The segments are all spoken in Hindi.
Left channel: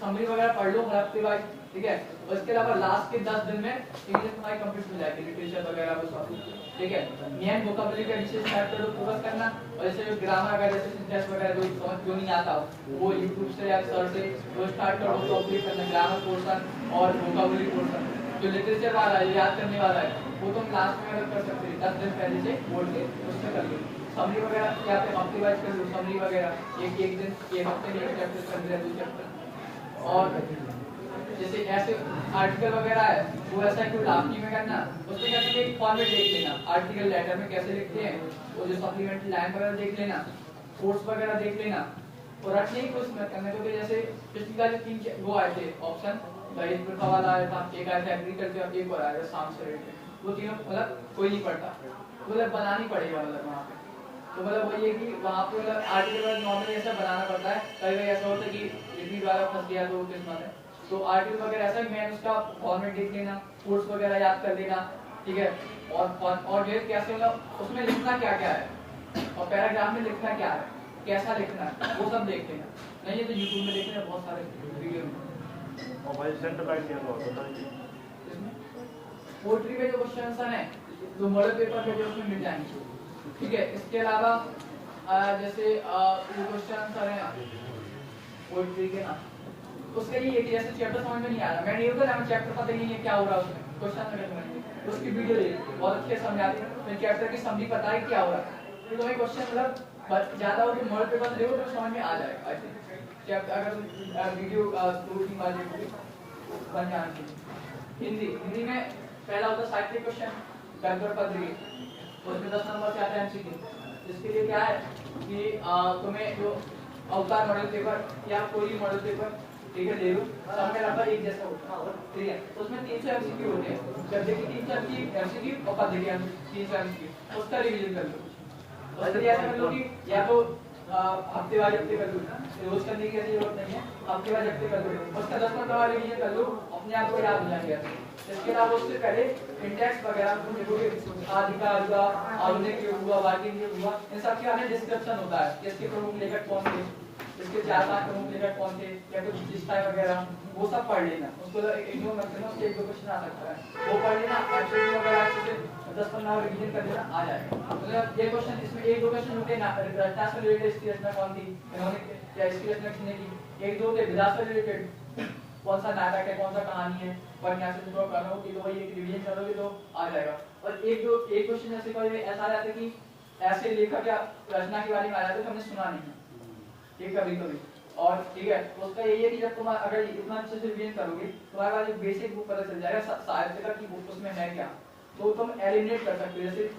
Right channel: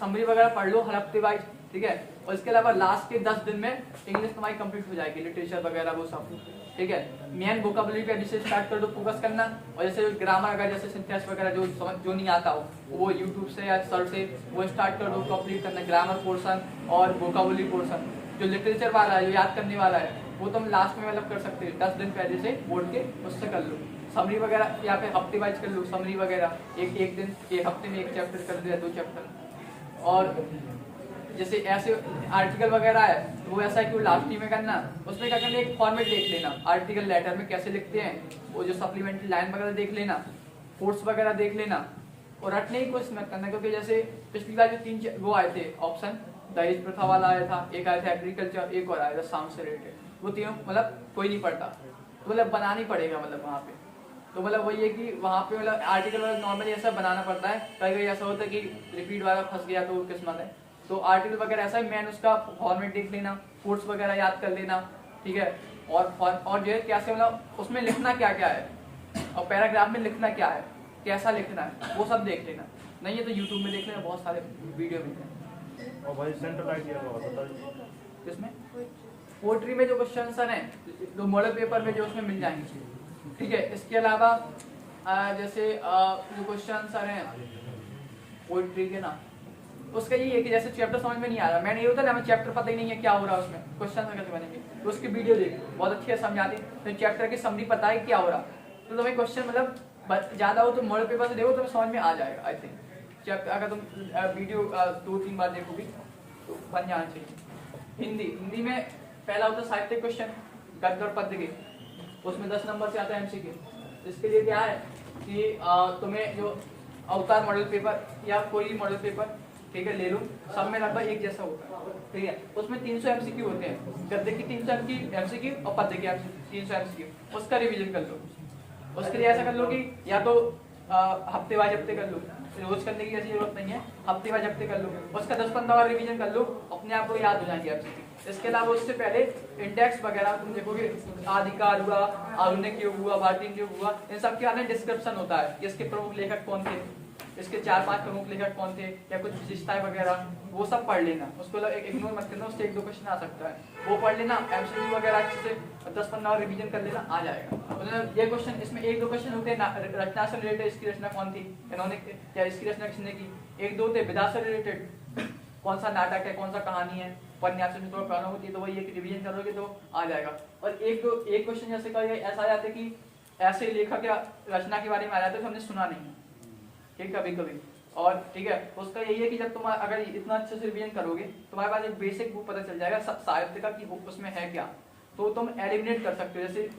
समरी वगैरह पढ़ लो हर हफ्ते वाइज, ठीक है। और इसके अलावा लास्ट के 10 दिन में इंग्लिश तुम्हारी कंप्लीट हो जाएगी, लिटरेचर वगैरह वो सब, ठीक है। मेन वोकैबुलरी पे विशेष स्टार्ट कर दो फोकस करना, और जैसे ग्रामर वगैरह जैसे सिंटेक्स वगैरह जो समझ जो नहीं आता हो वो यूट्यूब से या सर्च से वो स्टार्ट कर दो, कंप्लीट करना ग्रामर पोर्शन और वोकैबुलरी पोर्शन। जो लिटरेचर वाला है, जो याद करने वाला है, वो तुम लास्ट में मतलब कर सकते हो 10 दिन पहले से बोल के उससे कर लो। समरी वगैरह या फिर हफ्ते वाइज कर लो, समरी वगैरह एक दिन एक हफ्ते में एक चैप्टर कर दिया, 2 चैप्टर। और जैसे ऐसे आर्टिकल वगैरह है वो ऐसा क्यों लास्ट में करना, उसमें क्या कहते हैं एक फॉर्मेट देख लेना, आर्टिकल लेटर में कैसे लिखते हैं, वो जो सप्लीमेंट्री लाइन वगैरह देख लेना, कोट्स वगैरह देख लेना, और रटने की कोशिश मत करना। क्योंकि जैसे पिछली बार 3 वो आए थे ऑप्शन, दहेज प्रथा वाला आया था, एक आया था एग्रीकल्चर, एक और आया था साउंड से रिलेटेड, वो तीनों मतलब कोई नहीं पढ़ता, मतलब बनाना ही पड़ेगा मतलब वहाँ पे। तो मतलब वही है कि वहाँ पे मतलब आर्टिकल नॉर्मली ऐसा बनाना पड़ता है, कई बार ऐसा होता है कि रिपीट वाला फंस गया तो किस्मत है। तो आर्टिकल वगैरह ऐसा मैन उसका फॉर्मेट देख लेना, कोट्स वगैरह याद कर लेना, ठीक है। और जो है कैसे मतलब उसमें लिखना क्या क्या है, और पैराग्राफ में लिखना क्या है, कैसा लिखना है, वो सब देख लेना। नहीं है तो यूट्यूब में देख लेना, बहुत सारे वीडियो में। और भाई सेंटर आइडिया इसमें पोएट्री में जो क्वेश्चन है जो मॉडल पेपर में जो उसमें मिल जाएंगे, ठीक है। इसके अलावा जैसे जो क्वेश्चन आ रहे हैं पोएट्री के ना, उसका ये है कि जैसे चैप्टर समझ में नहीं आ रहा, मैंने ये होता है ना चैप्टर पता ही नहीं है क्या हो रहा है उसमें, क्वेश्चन अगर समझेंगे तो उसकी वीडियो देखिए बहुत अच्छी है समझाती, तो चैप्टर की समरी पता है क्या हो रहा है, तो तुम्हें क्वेश्चन मतलब ज्यादा हो तो मॉडल पेपर से देखो तो समझ में आ जाएगा। आई थिंक अगर तुम वीडियो 2-3 बार देखोगे तो बन जाना चाहिए। हिंदी में पहला होता है साहित्य क्वेश्चन, गद्य और पद्य के, तो उसमें 10 नंबर से आता है एमसीक्यू। इसके लिए क्या है कि तुम्हें जो अवतार मॉडल पेपर या कोई भी मॉडल पेपर, ठीक है, ले लो, सब में लगभग एक जैसा होता है, ठीक है। तो उसमें 300 एमसीक्यू होते हैं, गद्य की 300 एमसीक्यू और पद्य के 300 एमसीक्यू, उसका रिवीजन कर लो। उसके लिए ऐसा कर लो कि या तो हफ्ते वाइज हफ्ते कर लो, रोज करने की ऐसी जरूरत नहीं है, हफ्ते वाइज हफ्ते कर लो, उसका 10-15 बार रिवीजन कर लो, अपने आप को याद हो जाएगा। इसके अलावा उससे पहले इंडेक्स वगैरह तुम देखोगे, आदिकाल हुआ, आधुनिक युग हुआ, भारतीय युग हुआ, इन सब के आने डिस्क्रिप्शन होता है, इसके प्रमुख लेखक कौन थे, इसके 4-5 प्रमुख लेखक कौन थे, या कुछ विशेषताएं वगैरह, वो सब पढ़ लेना। उसको इग्नोर मत करना, उससे 1-2 क्वेश्चन आ सकता है, वो पढ़ लेना। एमसीक्यू वगैरह अच्छे से 10-15 बार रिवीजन कर देना, आ जाएगा। मतलब ये क्वेश्चन, इसमें 1-2 क्वेश्चन होते हैं रचना से रिलेटेड, इसकी रचना कौन थी, इन्होंने क्या इसकी रचना किसने की, 1-2 होते विधा से रिलेटेड, कौन सा नाटक है, कौन सा कहानी है, उपन्यास में थोड़ा करना होगी, तो वही एक रिवीजन करोगे तो आ जाएगा। और एक क्वेश्चन जैसे कोई ऐसा आ जाता है कि ऐसे लेखक या रचना के बारे में आ जाते हैं तो हमने सुना नहीं है, ठीक, कभी और ठीक है, उसका यही है कि जब तुम अगर इतना अच्छे से रिवीजन करोगे तुम्हारे पास एक बेसिक बुक पता चल जाएगा साहित्य का कि बुक उसमें है क्या, तो तुम एलिमिनेट कर सकते हो। जैसे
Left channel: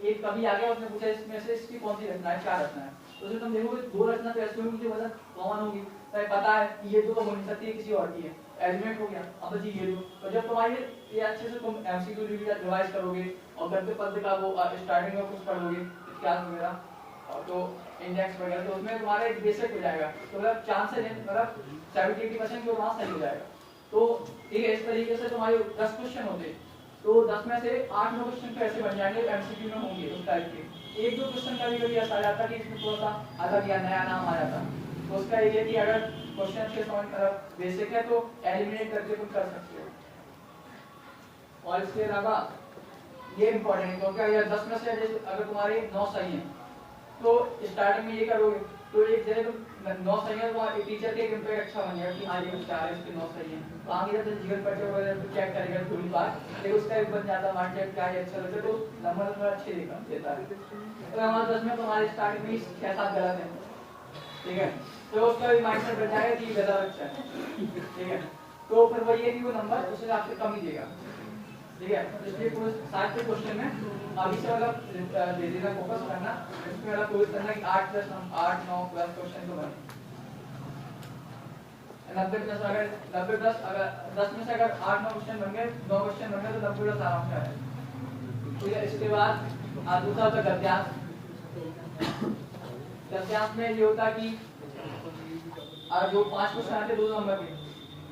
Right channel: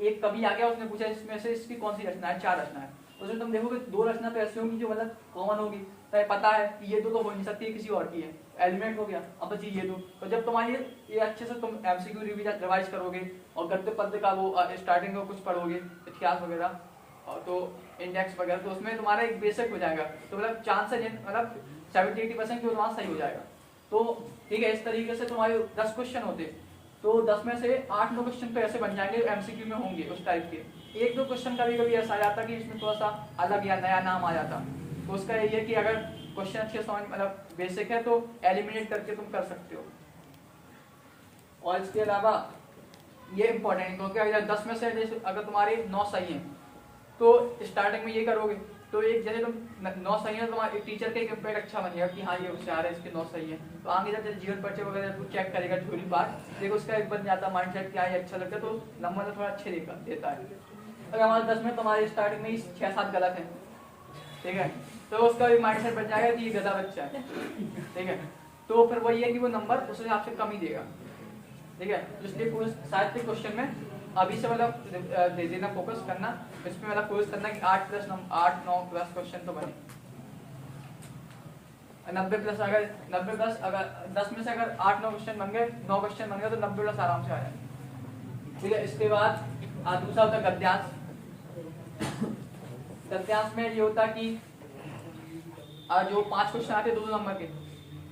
एक कवि आ गया, उसने पूछा इसमें से इसकी कौन सी रचना है, 4 रचना है, उसमें तुम देखोगे 2 रचना तो ऐसी होगी जो मतलब कॉमन होगी, पता है कि ये तो हो नहीं सकती है, किसी और की है, एलिमेंट हो गया, अब तो जी ये दो। तो जब तुम्हारी ये अच्छे से तुम एमसीक्यू रिवाइज करोगे और गद्य पद्य का वो स्टार्टिंग में कुछ पढ़ोगे, इतिहास वगैरह, तो इंडेक्स वगैरह, तो उसमें तुम्हारा एक बेसिक हो जाएगा, तो मतलब चांस है मतलब 70-80% जो वहाँ सही हो जाएगा। तो ठीक है, इस तरीके से तुम्हारे 10 क्वेश्चन होते, तो 10 में से 8-9 क्वेश्चन तो ऐसे बन जाएंगे एमसीक्यू में होंगे उस टाइप के। 1-2 क्वेश्चन कभी ऐसा आ जाता कि इसमें थोड़ा सा अलग या नया नाम आ जाता, उसका ये है कि अगर क्वेश्चन अच्छे समझ मतलब बेसिक है तो एलिमिनेट करके तुम कर सकते हो। और इसके अलावा ये इंपॉर्टेंट है क्योंकि अगर 10 में से अगर तुम्हारे 9 सही हैं तो स्टार्टिंग में ये करोगे, तो एक जैसे तुम 9 सही है तो तुम्हारे टीचर का एक इम्पैक्ट अच्छा बन जाएगा कि हाँ ये होशियार है, इसके 9 सही है, तो आगे जब जीवन परिचय वगैरह तो चेक करेगा थोड़ी बार, लेकिन उसका एक बन जाता माइंडसेट क्या है, अच्छा लगता है, तो नंबर थोड़ा अच्छे देता है। अगर हमारे 10 में तुम्हारे स्टार्टिंग में ही 6-7 गलत है, ठीक है, तो उसका भी माइंडसेट बन जाएगा कि ये गधा बच्चा है, ठीक है, तो फिर वही है कि वो नंबर उस हिसाब से कम ही देगा, ठीक है। इसलिए पूरे साहित्य क्वेश्चन में अभी से मतलब दे देना, फोकस करना इसमें, मतलब कोशिश करना कि 8-9+ क्वेश्चन तो बने। 90+ अगर 90+ अगर 10 में से अगर 8-9 क्वेश्चन बन गए, 9 क्वेश्चन बन गए तो 90+ आराम से आ जाए, ठीक है। इसके बाद दूसरा होता है गद्यांश। गद्यांश में ये होता है कि जो 5 क्वेश्चन आते हैं 2 नंबर के,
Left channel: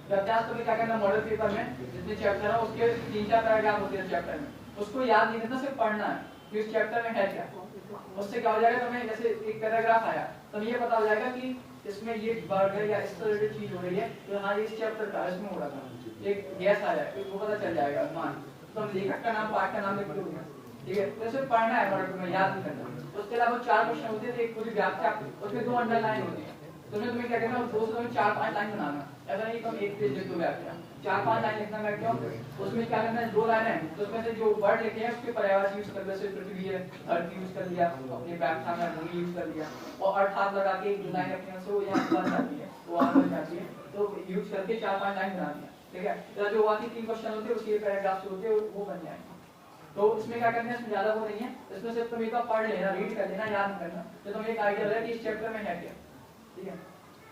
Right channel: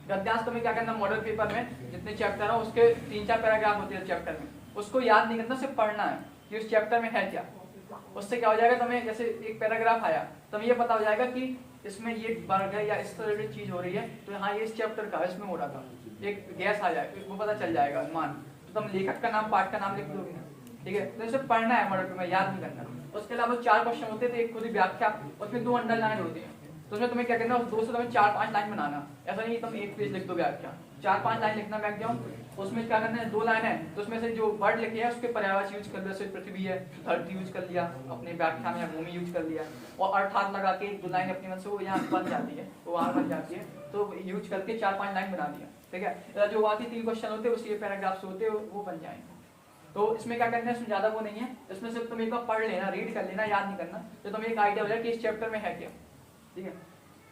गद्यांश तुम्हें क्या करना, मॉडल पेपर में जितने चैप्टर है उसके 3-4 पैराग्राफ होते हैं चैप्टर में, उसको याद नहीं करना, सिर्फ पढ़ना है कि उस चैप्टर में है क्या। उससे क्या हो जाएगा, तुम्हें जैसे एक पैराग्राफ आया तब ये पता हो जाएगा कि इसमें ये बर्गर या इस तरह की चीज हो रही है, तो हाँ ये इस चैप्टर का इसमें हो रहा था, एक गैस आ जाए इसको पता चल जाएगा मान, तो हम लेखक का नाम पाठ का नाम लिख लोगे, ठीक है, तो इसे पढ़ना है मॉडल में, याद नहीं करना। उसके अलावा 4 क्वेश्चन होते थे, एक पूरी व्याख्या, उसमें 2 अंडरलाइन होते हैं, तो उसमें तुम्हें क्या करना है, 2 से तुम्हें 4-5 लाइन बनाना, ऐसा नहीं तुम एक पेज लिख दो व्याख्या, 4-5 लाइन लिखना व्याख्या, उसमें क्या करना है 2 लाइन है, तो उसमें से जो वर्ड लिखे हैं उसके पर्यायवाची यूज कर लो, जैसे पृथ्वी है धरती यूज कर लिया, अपने व्याख्या में भूमि यूज कर लिया, और अर्थात लगा के जो लाइन अपने मन से वो यहाँ बन जाती है, वो वहां बन जाती है, तो यूज करके 4-5 लाइन बना दिया, ठीक है। तो जो बाकी 3 क्वेश्चन होते हैं उसी पैराग्राफ से होते हैं वो बन जाएंगे। तो इसमें क्या करना है, इसमें ज्यादा वो नहीं है, इसमें सिर्फ तुम एक बार पढ़ लेना, रीड कर लेना, याद नहीं करना, तो तुम्हें एक आइडिया हो जाएगा कि इस चैप्टर में है क्या, ठीक है।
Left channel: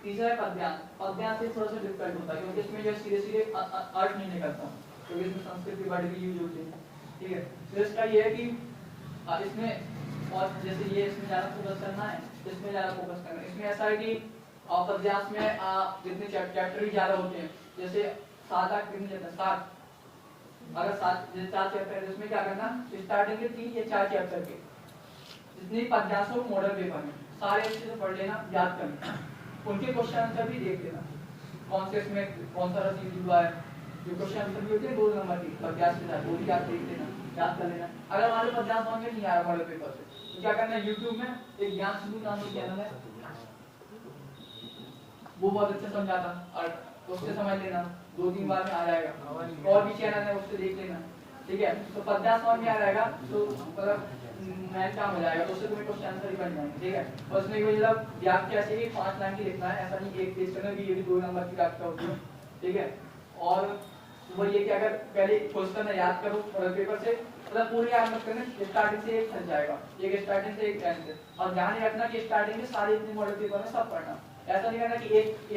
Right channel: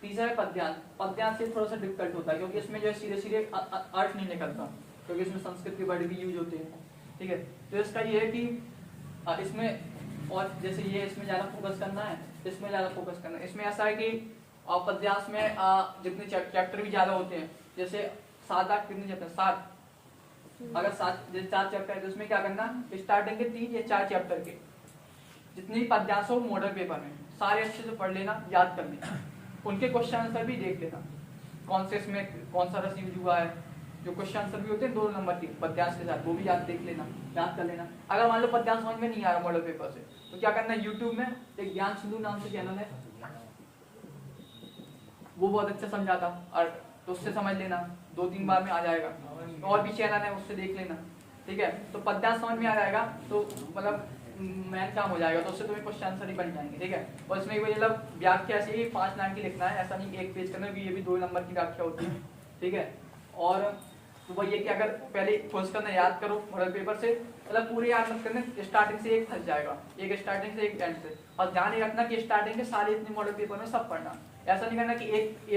तीसरा है पद्यांश। पद्यांश से थोड़ा सा डिफिकल्ट होता है क्योंकि इसमें जो है सीधे अर्थ नहीं निकलता, क्योंकि इसमें संस्कृत की वर्ड भी यूज होती है, ठीक है। तो इसका ये है कि इसमें और जैसे ये इसमें ज्यादा फोकस करना है, इसमें ज्यादा फोकस करना है। इसमें ऐसा है कि पद्यांश में जितने चैप्टर भी ज्यादा होते हैं, जैसे 7-8 कितने चैप्टर 7, अगर 4 चैप्टर है उसमें क्या करना, स्टार्टिंग के 3 या 4 चैप्टर के जितने भी पद्यांश हो मॉडल पेपर में सारे अच्छे से पढ़ लेना, याद कर लेना, उनके क्वेश्चन आंसर भी देख लेना, कौन से इसमें कौन सा रस यूज हुआ है, जो क्वेश्चन आंसर भी होते हैं 2 नंबर के पद्यांश के साथ, वो भी याद देख लेना, याद कर लेना। अगर मान लो पद्यांश समझ में नहीं आ रहा मॉडल पेपर से, तो क्या करना है, यूट्यूब में एक ज्ञान सिंधु नाम का चैनल है, वो बहुत अच्छा समझाता, और तो उससे समझ लेना, 2-3 बार में आ जाएगा। और भी चैनल है उससे देख लेना, ठीक है। तो पद्यांश समझ में आ जाएगा तो मतलब मैथ काम हो जाएगा, तो उससे तुम्हें क्वेश्चन आंसर ही बन जाएंगे, ठीक है। और इसमें मतलब व्याख्या से ही 5 लाइन की लिखना है, ऐसा नहीं एक पेज करना, ये भी 2 नंबर की व्याख्या होती है, ठीक है। और तो वो ये कि अगर पहले खोज करना याद करो मॉडल पेपर से, मतलब पूरे याद मत करना, स्टार्टिंग से एक थक जाएगा, एक स्टार्टिंग से एक टाइम से, और ध्यान रखना कि स्टार्टिंग के सारे इतने मॉडल पेपर में सब पढ़ना, ऐसा नहीं करना कि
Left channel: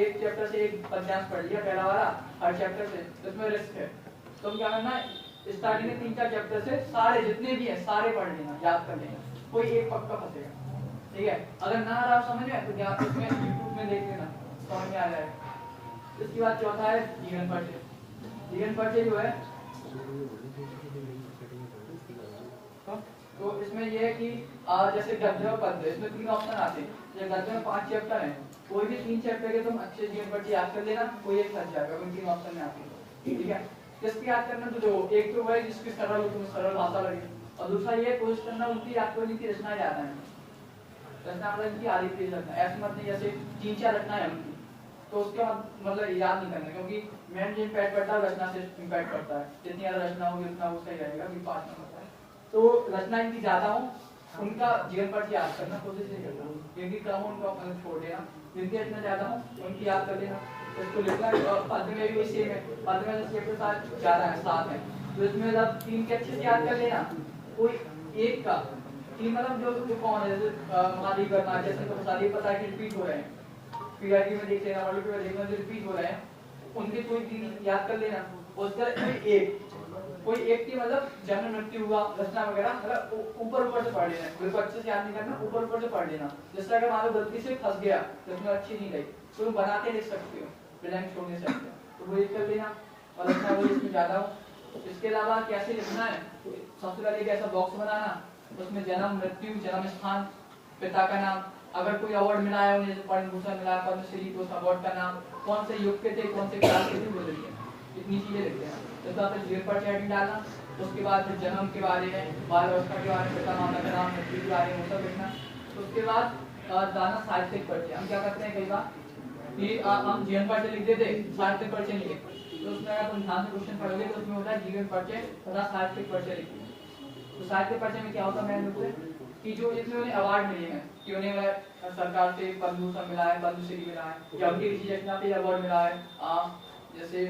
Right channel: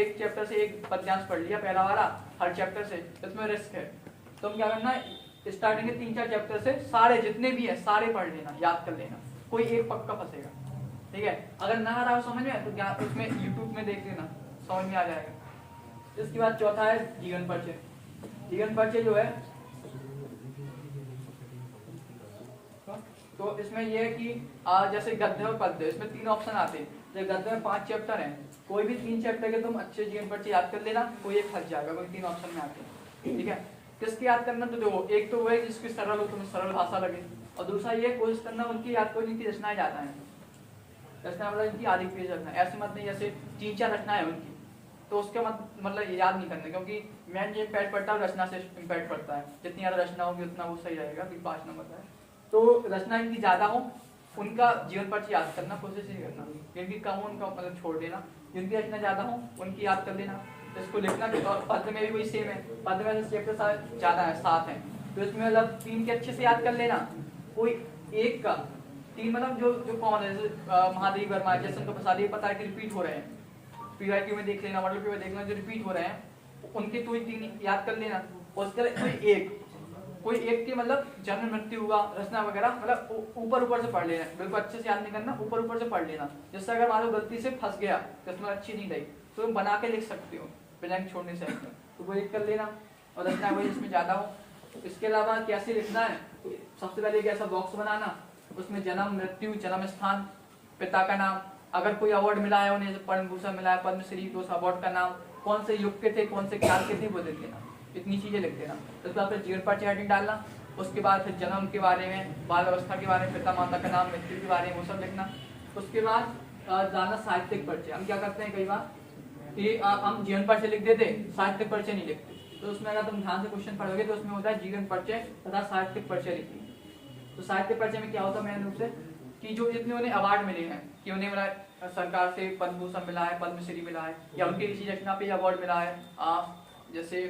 एक चैप्टर से एक पद्यांश पढ़ लिया पहला वाला हर चैप्टर से, इसमें रिस्क है। तो क्या करना है, स्टार्टिंग के 3-4 चैप्टर से सारे जितने भी है सारे पढ़ लेना, याद कर लेना, कोई एक पक्का फंसेगा, ठीक है। अगर ना आ रहा हो समझ में तो क्या इसमें यूट्यूब में देख लेना, समझ में आ जाएगा। इसके बाद चौथा है जीवन परिचय। जीवन परिचय जो है तो इसमें ये है कि जैसे गद्य और पद्य, इसमें 3 ऑप्शन आते हैं, जैसे गद्य में 5 चैप्टर हैं, कोई भी 3 चैप्टर के तुम अच्छे जीवन परिचय याद कर लेना, कोई एक फंस जाएगा, कोई 3 ऑप्शन में आते हैं, ठीक है। किसकी याद करना, तो जो एक तो वह जिसकी सरल हो, तुम्हें सरल भाषा लगे, और दूसरा ये कोशिश करना उनकी याद को, जिनकी रचनाएं ज्यादा हैं, रचना मतलब इनकी आधी पेज रखना है, ऐसे मत नहीं जैसे 3-4 रचनाएं हैं उनकी, तो उसके बाद मतलब याद नहीं करना, क्योंकि मेन ये इम्पैक्ट पड़ता है रचना से इम्पैक्ट पड़ता है, जितनी ज्यादा रचना होगी उतना वो सही रहेगा, कि 5 नंबर का है। तो रचना इनकी ज्यादा हो उनका जीवन परिचय याद करना, कोशिश नहीं करना, जिनकी कम हो उनका मतलब छोड़ देना, जिनकी रचना ज्यादा हो उनकी याद कर लेना, तो इसको लिखना। और पद्य में भी सेम है, पद्य में चैप्टर ज्यादा है 7 है, तो इसमें मतलब 3 के अच्छे से याद कर लेना, कोई एक का 3 मतलब जो कौन है, जैसे महादेव वर्मा, जैसे तो प्रसाद, ये पता है कि रिपीट हो रहे हैं, पीआईटी में देख लेना, ऑडियो में देखना, जो रिपीट हो रहे हैं उनके कोई 3 याद कर लेना। उसका कोई एक की मतलब जन्म मृत्यु हुआ, रचना वगैरह, मतलब ऊपर से पढ़ लेना, बिल्कुल अच्छे से याद नहीं करना, ऊपर से पढ़ लेना। जैसे अगर मान लो गलती से फंस गया तो उसमें अच्छी नहीं गई, तो तुम बना के लिख सकते हो, ब्लैंक छोड़ने से अच्छा, तो वो कर लेना, और रचना वही इसमें ज्यादा हो। इसके अलावा कैसे लिखना है, सबसे पहले एक ऐसा बॉक्स बनाना, उसमें जन्म मृत्यु, जन्म स्थान, पिता का नाम, अगर कोई अवार्ड मिला है उन्हें, पद्म भूषण मिला, पद्मश्री, तो उस अवार्ड का नाम, कौन से युग के थे, कौन से काल के थे, वो लिख देना, इतनी चीजें लिख देना। तो फिर जीवन परिचय हेडिंग डालना, उसके बाद फिर जन्म के बारे में, बाल अवस्था के बारे में, पिता माता का नाम, मृत्यु के बारे में, वो सब लिखना। उसके बाद डालना साहित्यिक परिचय। हम क्या करते हैं कई बार कि हम जीवन परिचय लिख देते, साहित्यिक परिचय नहीं लिखते, तो उसमें अगर तुम ध्यान से क्वेश्चन पढ़ोगे तो उसमें होता है जीवन परिचय तथा साहित्यिक परिचय लिखिए। तो साहित्यिक परिचय में क्या होता है मेन रूप से कि जो जितने उन्हें अवार्ड मिले हैं, कि उन्हें सरकार से पद्म भूषण मिला है, पद्मश्री मिला है, या उनकी किसी रचना पे अवार्ड मिला है, जैसे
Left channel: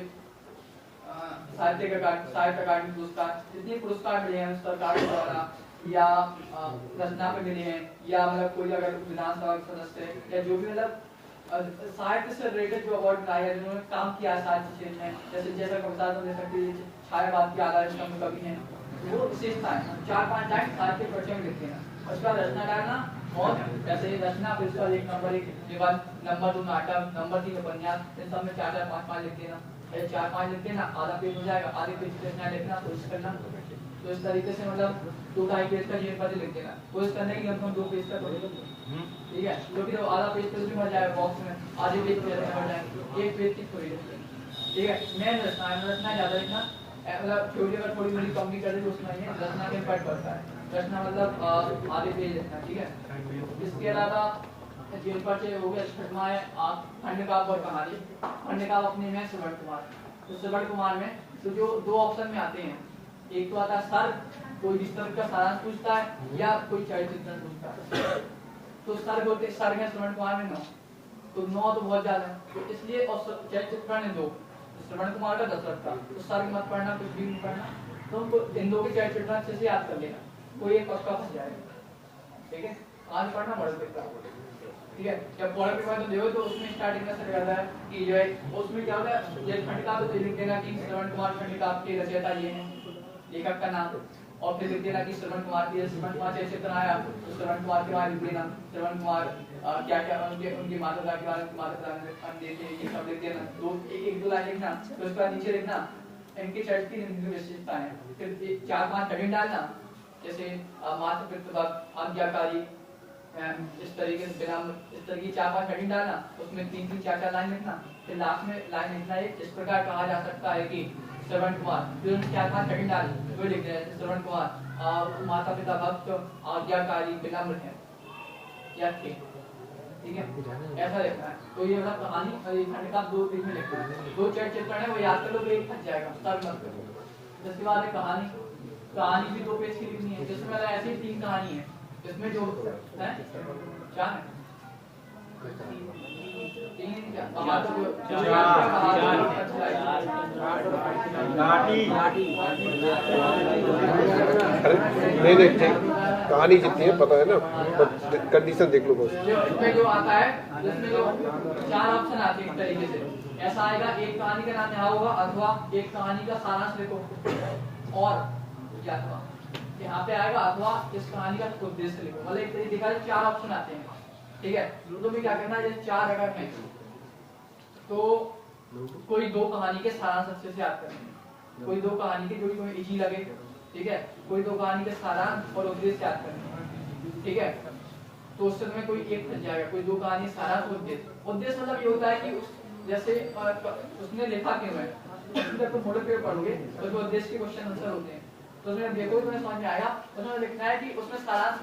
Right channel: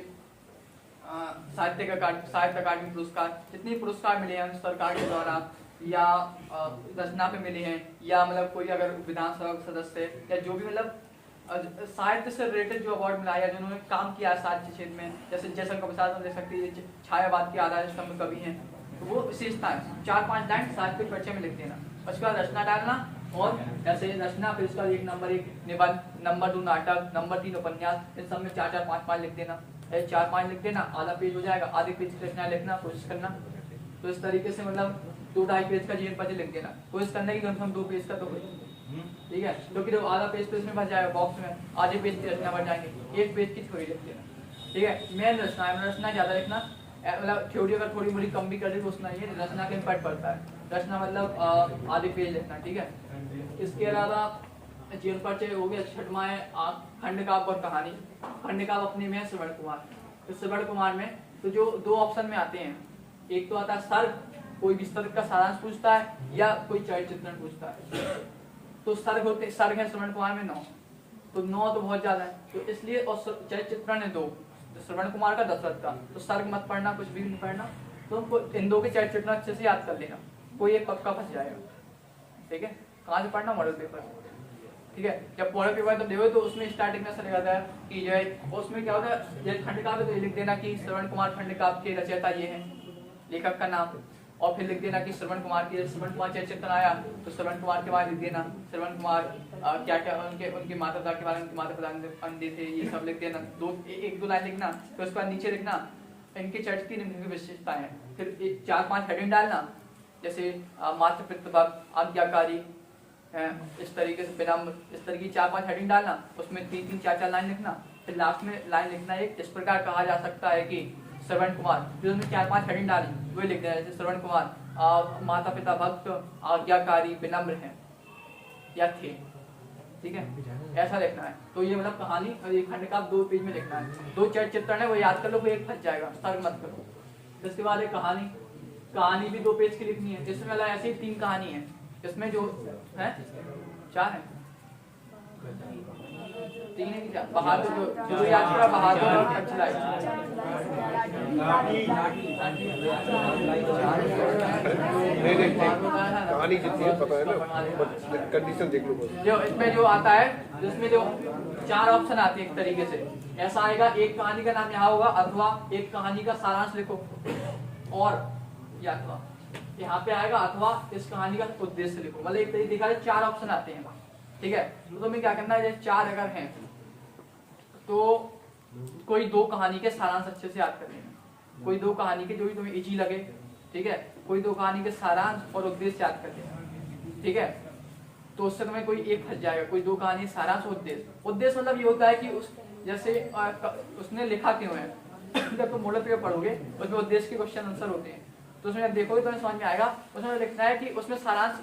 साहित्य अकादमी पुरस्कार, जितने पुरस्कार मिले हैं सरकार के द्वारा, या रचना पे मिले हैं, या मतलब कोई अगर विधानसभा सदस्य या जो भी मतलब साहित्य से रिलेटेड जो अवार्ड मिला है, जिन्होंने काम किया है साहित्य क्षेत्र में, जैसे कविता दे सकती है, छायावाद के आधार स्तंभ कवि हैं, वो विशेषता है। 4-5 लाइन साहित्य परिचय में लिख देना, उसके बाद रचना डालना, और ऐसे रचना फिर उसका 1 नंबर 1 निबंध, नंबर 2 नाटक, नंबर 3 उपन्यास, इन सब में 4-4, 5-5 लिख देना, 4-5 लिख देना, आधा पेज हो जाएगा, आधे पेज की रचना लिखना कोशिश करना। तो इस तरीके से मतलब 2-2.5 पेज का जीवन परिचय लिख देना, कोशिश करने की कम से कम 2 पेज का तो ठीक है, क्योंकि जब आधा पेज तो इसमें भर जाएगा बॉक्स में, आधे पेज तो इसमें भर जाएंगे, एक पेज की थोड़ी लिखते हैं। ठीक है, मेन रचना ज़्यादा लिखना, मतलब थ्योरी अगर थोड़ी बड़ी कम भी कर रही तो उसमें नहीं है, रचना का इम्पैक्ट पड़ता है। रचना मतलब आधे पेज लिखना। ठीक है, इसके अलावा जीवन परिचय हो गया, छठवां है खंडकाव्य और कहानी। खंडकाव्य अपने में श्रवण कुमार, तो श्रवण कुमार में तो जो दो ऑप्शन में आते हैं, एक तो आता है सर्ग, कोई विस्तृत का सारांश पूछता है या कोई चरित्र चित्रण पूछता है। तो सर्ग होते, सर्ग है श्रवण कुमार में 9, तो 9 तो बहुत ज्यादा है, तो इसलिए, और चरित्र चित्रण है 2, तो श्रवण कुमार का दशरथ का, तो सर्ग मत पढ़ना, कुछ भी नहीं पढ़ना, तो उनको इन दो के चरित्र चित्रण अच्छे से याद कर लेना, कोई एक पक्का फंस जाएगा। ठीक है, कहाँ से पढ़ना? Model paper. ठीक है, जब मॉडल पेपर तो देखो तो उसमें स्टार्टिंग में सर रहता है कि जो है उसमें क्या होता है, खंडकाव्य तो लिख देना कि श्रवण कुमार खंडकाव्य के रचयिता ये हैं, लेखक का नाम, और फिर लिख देना कि श्रवण कुमार के, श्रवण कुमार चरित्र आया तो श्रवण कुमार के बारे में लिख देना, श्रवण कुमार क्या क्या उनके माता पिता के बारे में, माता पिता अंडे थे, ये सब लिख देना, एक दो लाइन लिखना, फिर उसके बाद नीचे लिखना इनके चरित्र की विशेषताएं, फिर 4-5 हेडिंग डालना, जैसे मातृ पितृभक्त, आज्ञाकारी, इस तरीके से बिना, इस तरह की 4-5 हेडिंग डालना, उसमें 3-3 4-4 लाइन लिखना, फिर लास्ट में लाइन लिखना एक, इस प्रकार कहा जा सकता है कि श्रवण कुमार, जो 4-5 हेडिंग डाली वही लिख देना, जैसे श्रवण कुमार माता पिता भक्त, आज्ञाकारी, विनम्र है या थे। ठीक है, ऐसा लिखना है। तो ये मतलब कहानी और ये खंड का 2 पेज में लिखना है, 2 चरित्र चित्रण है वो याद कर लो, वो एक बच जाएगा, सर्ग मत करो। इसके बाद एक कहानी, कहानी भी 2 पेज की लिखनी है, जिसमें ऐसी 3 कहानी है, इसमें जो है 4 है, 3 नहीं क्या, बहादुर जो याद करा, बहादुर अच्छा है, नहीं कहानी जितनी है पता है ना, कंडीशन देख लो बस। जो इसमें जो आता है, जिसमें जो 4 ऑप्शन आते हैं एक तरीके से, ऐसा आएगा, एक कहानी का नाम यहाँ होगा, अथवा एक कहानी का सारांश लिखो, और या अथवा यहाँ पे आएगा, अथवा इस कहानी का उद्देश्य लिखो, मतलब एक तरीके दिखा 4 ऑप्शन आते हैं। ठीक है, तो मैं क्या करना है, जैसे 4 अगर हैं तो कोई 2 कहानी के सारांश अच्छे से याद करने, कोई 2 कहानी के जो भी तुम्हें इजी लगे। ठीक है, कोई 2 कहानी के सारांश और उद्देश्य याद करने। ठीक है, तो उससे तुम्हें कोई एक फंस जाएगा, कोई 2 कहानी सारांश और उद्देश्य। उद्देश्य मतलब ये होता है कि उस जैसे उसने लिखा क्यों है, जब तुम मॉडल पेपर पढ़ोगे उसमें उद्देश्य के क्वेश्चन आंसर होते हैं, तो उसमें देखोगे तो समझ में आएगा, उसमें लिखना है कि उसमें सारांश,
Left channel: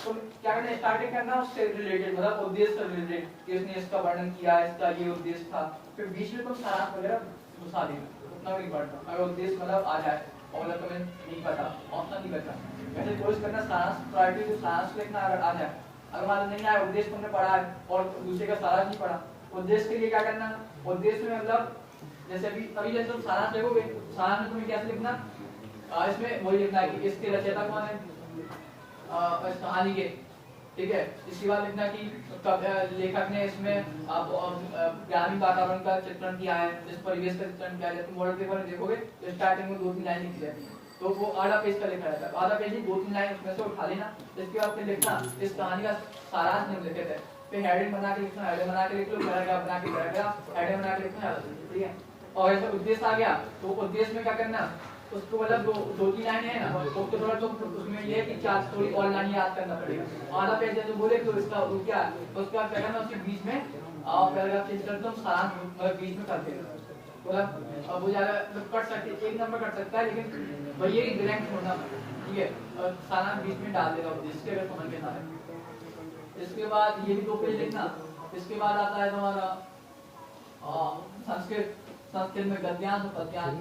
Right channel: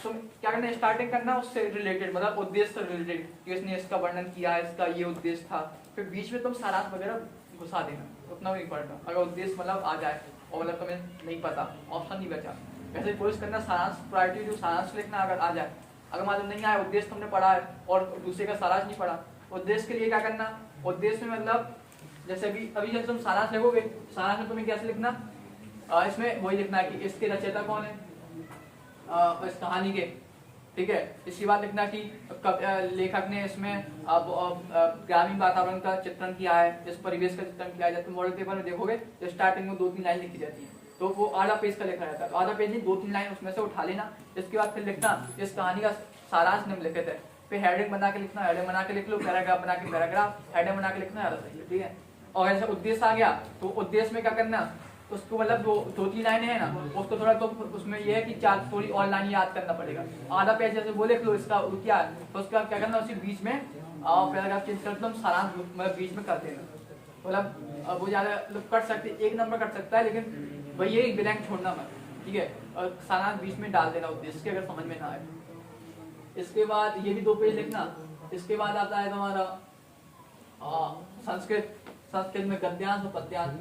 तो क्या करना है, स्टार्टिंग करना उससे रिलेटेड, मतलब उद्देश्य से रिलेटेड, कि इसने इसका वर्णन किया, इसका ये उद्देश्य था, फिर बीच में तुम सारांश वगैरह घुसा देना, उतना नहीं पढ़ना, अगर उद्देश्य मतलब आ जाए और मतलब तुम्हें नहीं पता, ऑप्शन नहीं बचा, वैसे कोशिश करना सारांश प्रायोरिटी, जो सारांश लिखना अगर आ जाए, अगर मतलब नहीं आया, उद्देश्य तुमने पढ़ा है और दूसरे का सारांश नहीं पढ़ा, उद्देश्य के लिए क्या करना, उद्देश्य में मतलब जैसे अभी जैसे तुम सारांश लिखोगे, सारांश में तुम्हें कैसे लिखना, इसमें वही लिखना है कि इसके रचयिता कौन है, इस कहानी के। ठीक है, इसके बाद लिखना कि लेखक ने इसमें ग्रामीण वातावरण का चित्रण किया है, इस परिवेश का चित्रण किया है। तुम मॉडल पेपर में देखोगे तो स्टार्टिंग में 2-3 लाइन लिखी जाती है, तो वो आधा पेज का लिखा जाता है, आधा पेज ही 2-3 लाइन उसमें से उठा लेना। इसके बाद फिर लिखना इस कहानी का सारांश निम्नलिखित है, फिर हेडिंग बना के लिखना, हेडिंग बना के लिख लो, पैराग्राफ बना के पैराग्राफ, हेडिंग बना के लिखना है। ठीक है, और ऐसा उद्देश्य आ गया तो उद्देश्य में क्या करना, उसको मतलब 2-3 लाइनें हैं ना, उसको थोड़ा तो उसमें ये है कि 4 थोड़ी और लाइन याद करना पड़ेगा, आधा पेज जैसे वो देख लो, इसका क्या है तो उसका क्या करना, उसी बीच में पैराग्राफ चेंज कर दो, सारांश मतलब बीच में कर देना, मतलब वो ज्यादा कट सकते, 1 नंबर कट सकता है, लेकिन वही ये ब्लैंक छोड़ना मत। ठीक है, और सारांश बीच में डाल देना उद्देश्य अगर समझ में ना आए। इसके बाद ये भी 2 पेज लिखना। इसके बाद आता है तुम्हारा संस्कृत में गद्यांश और पद्यांश।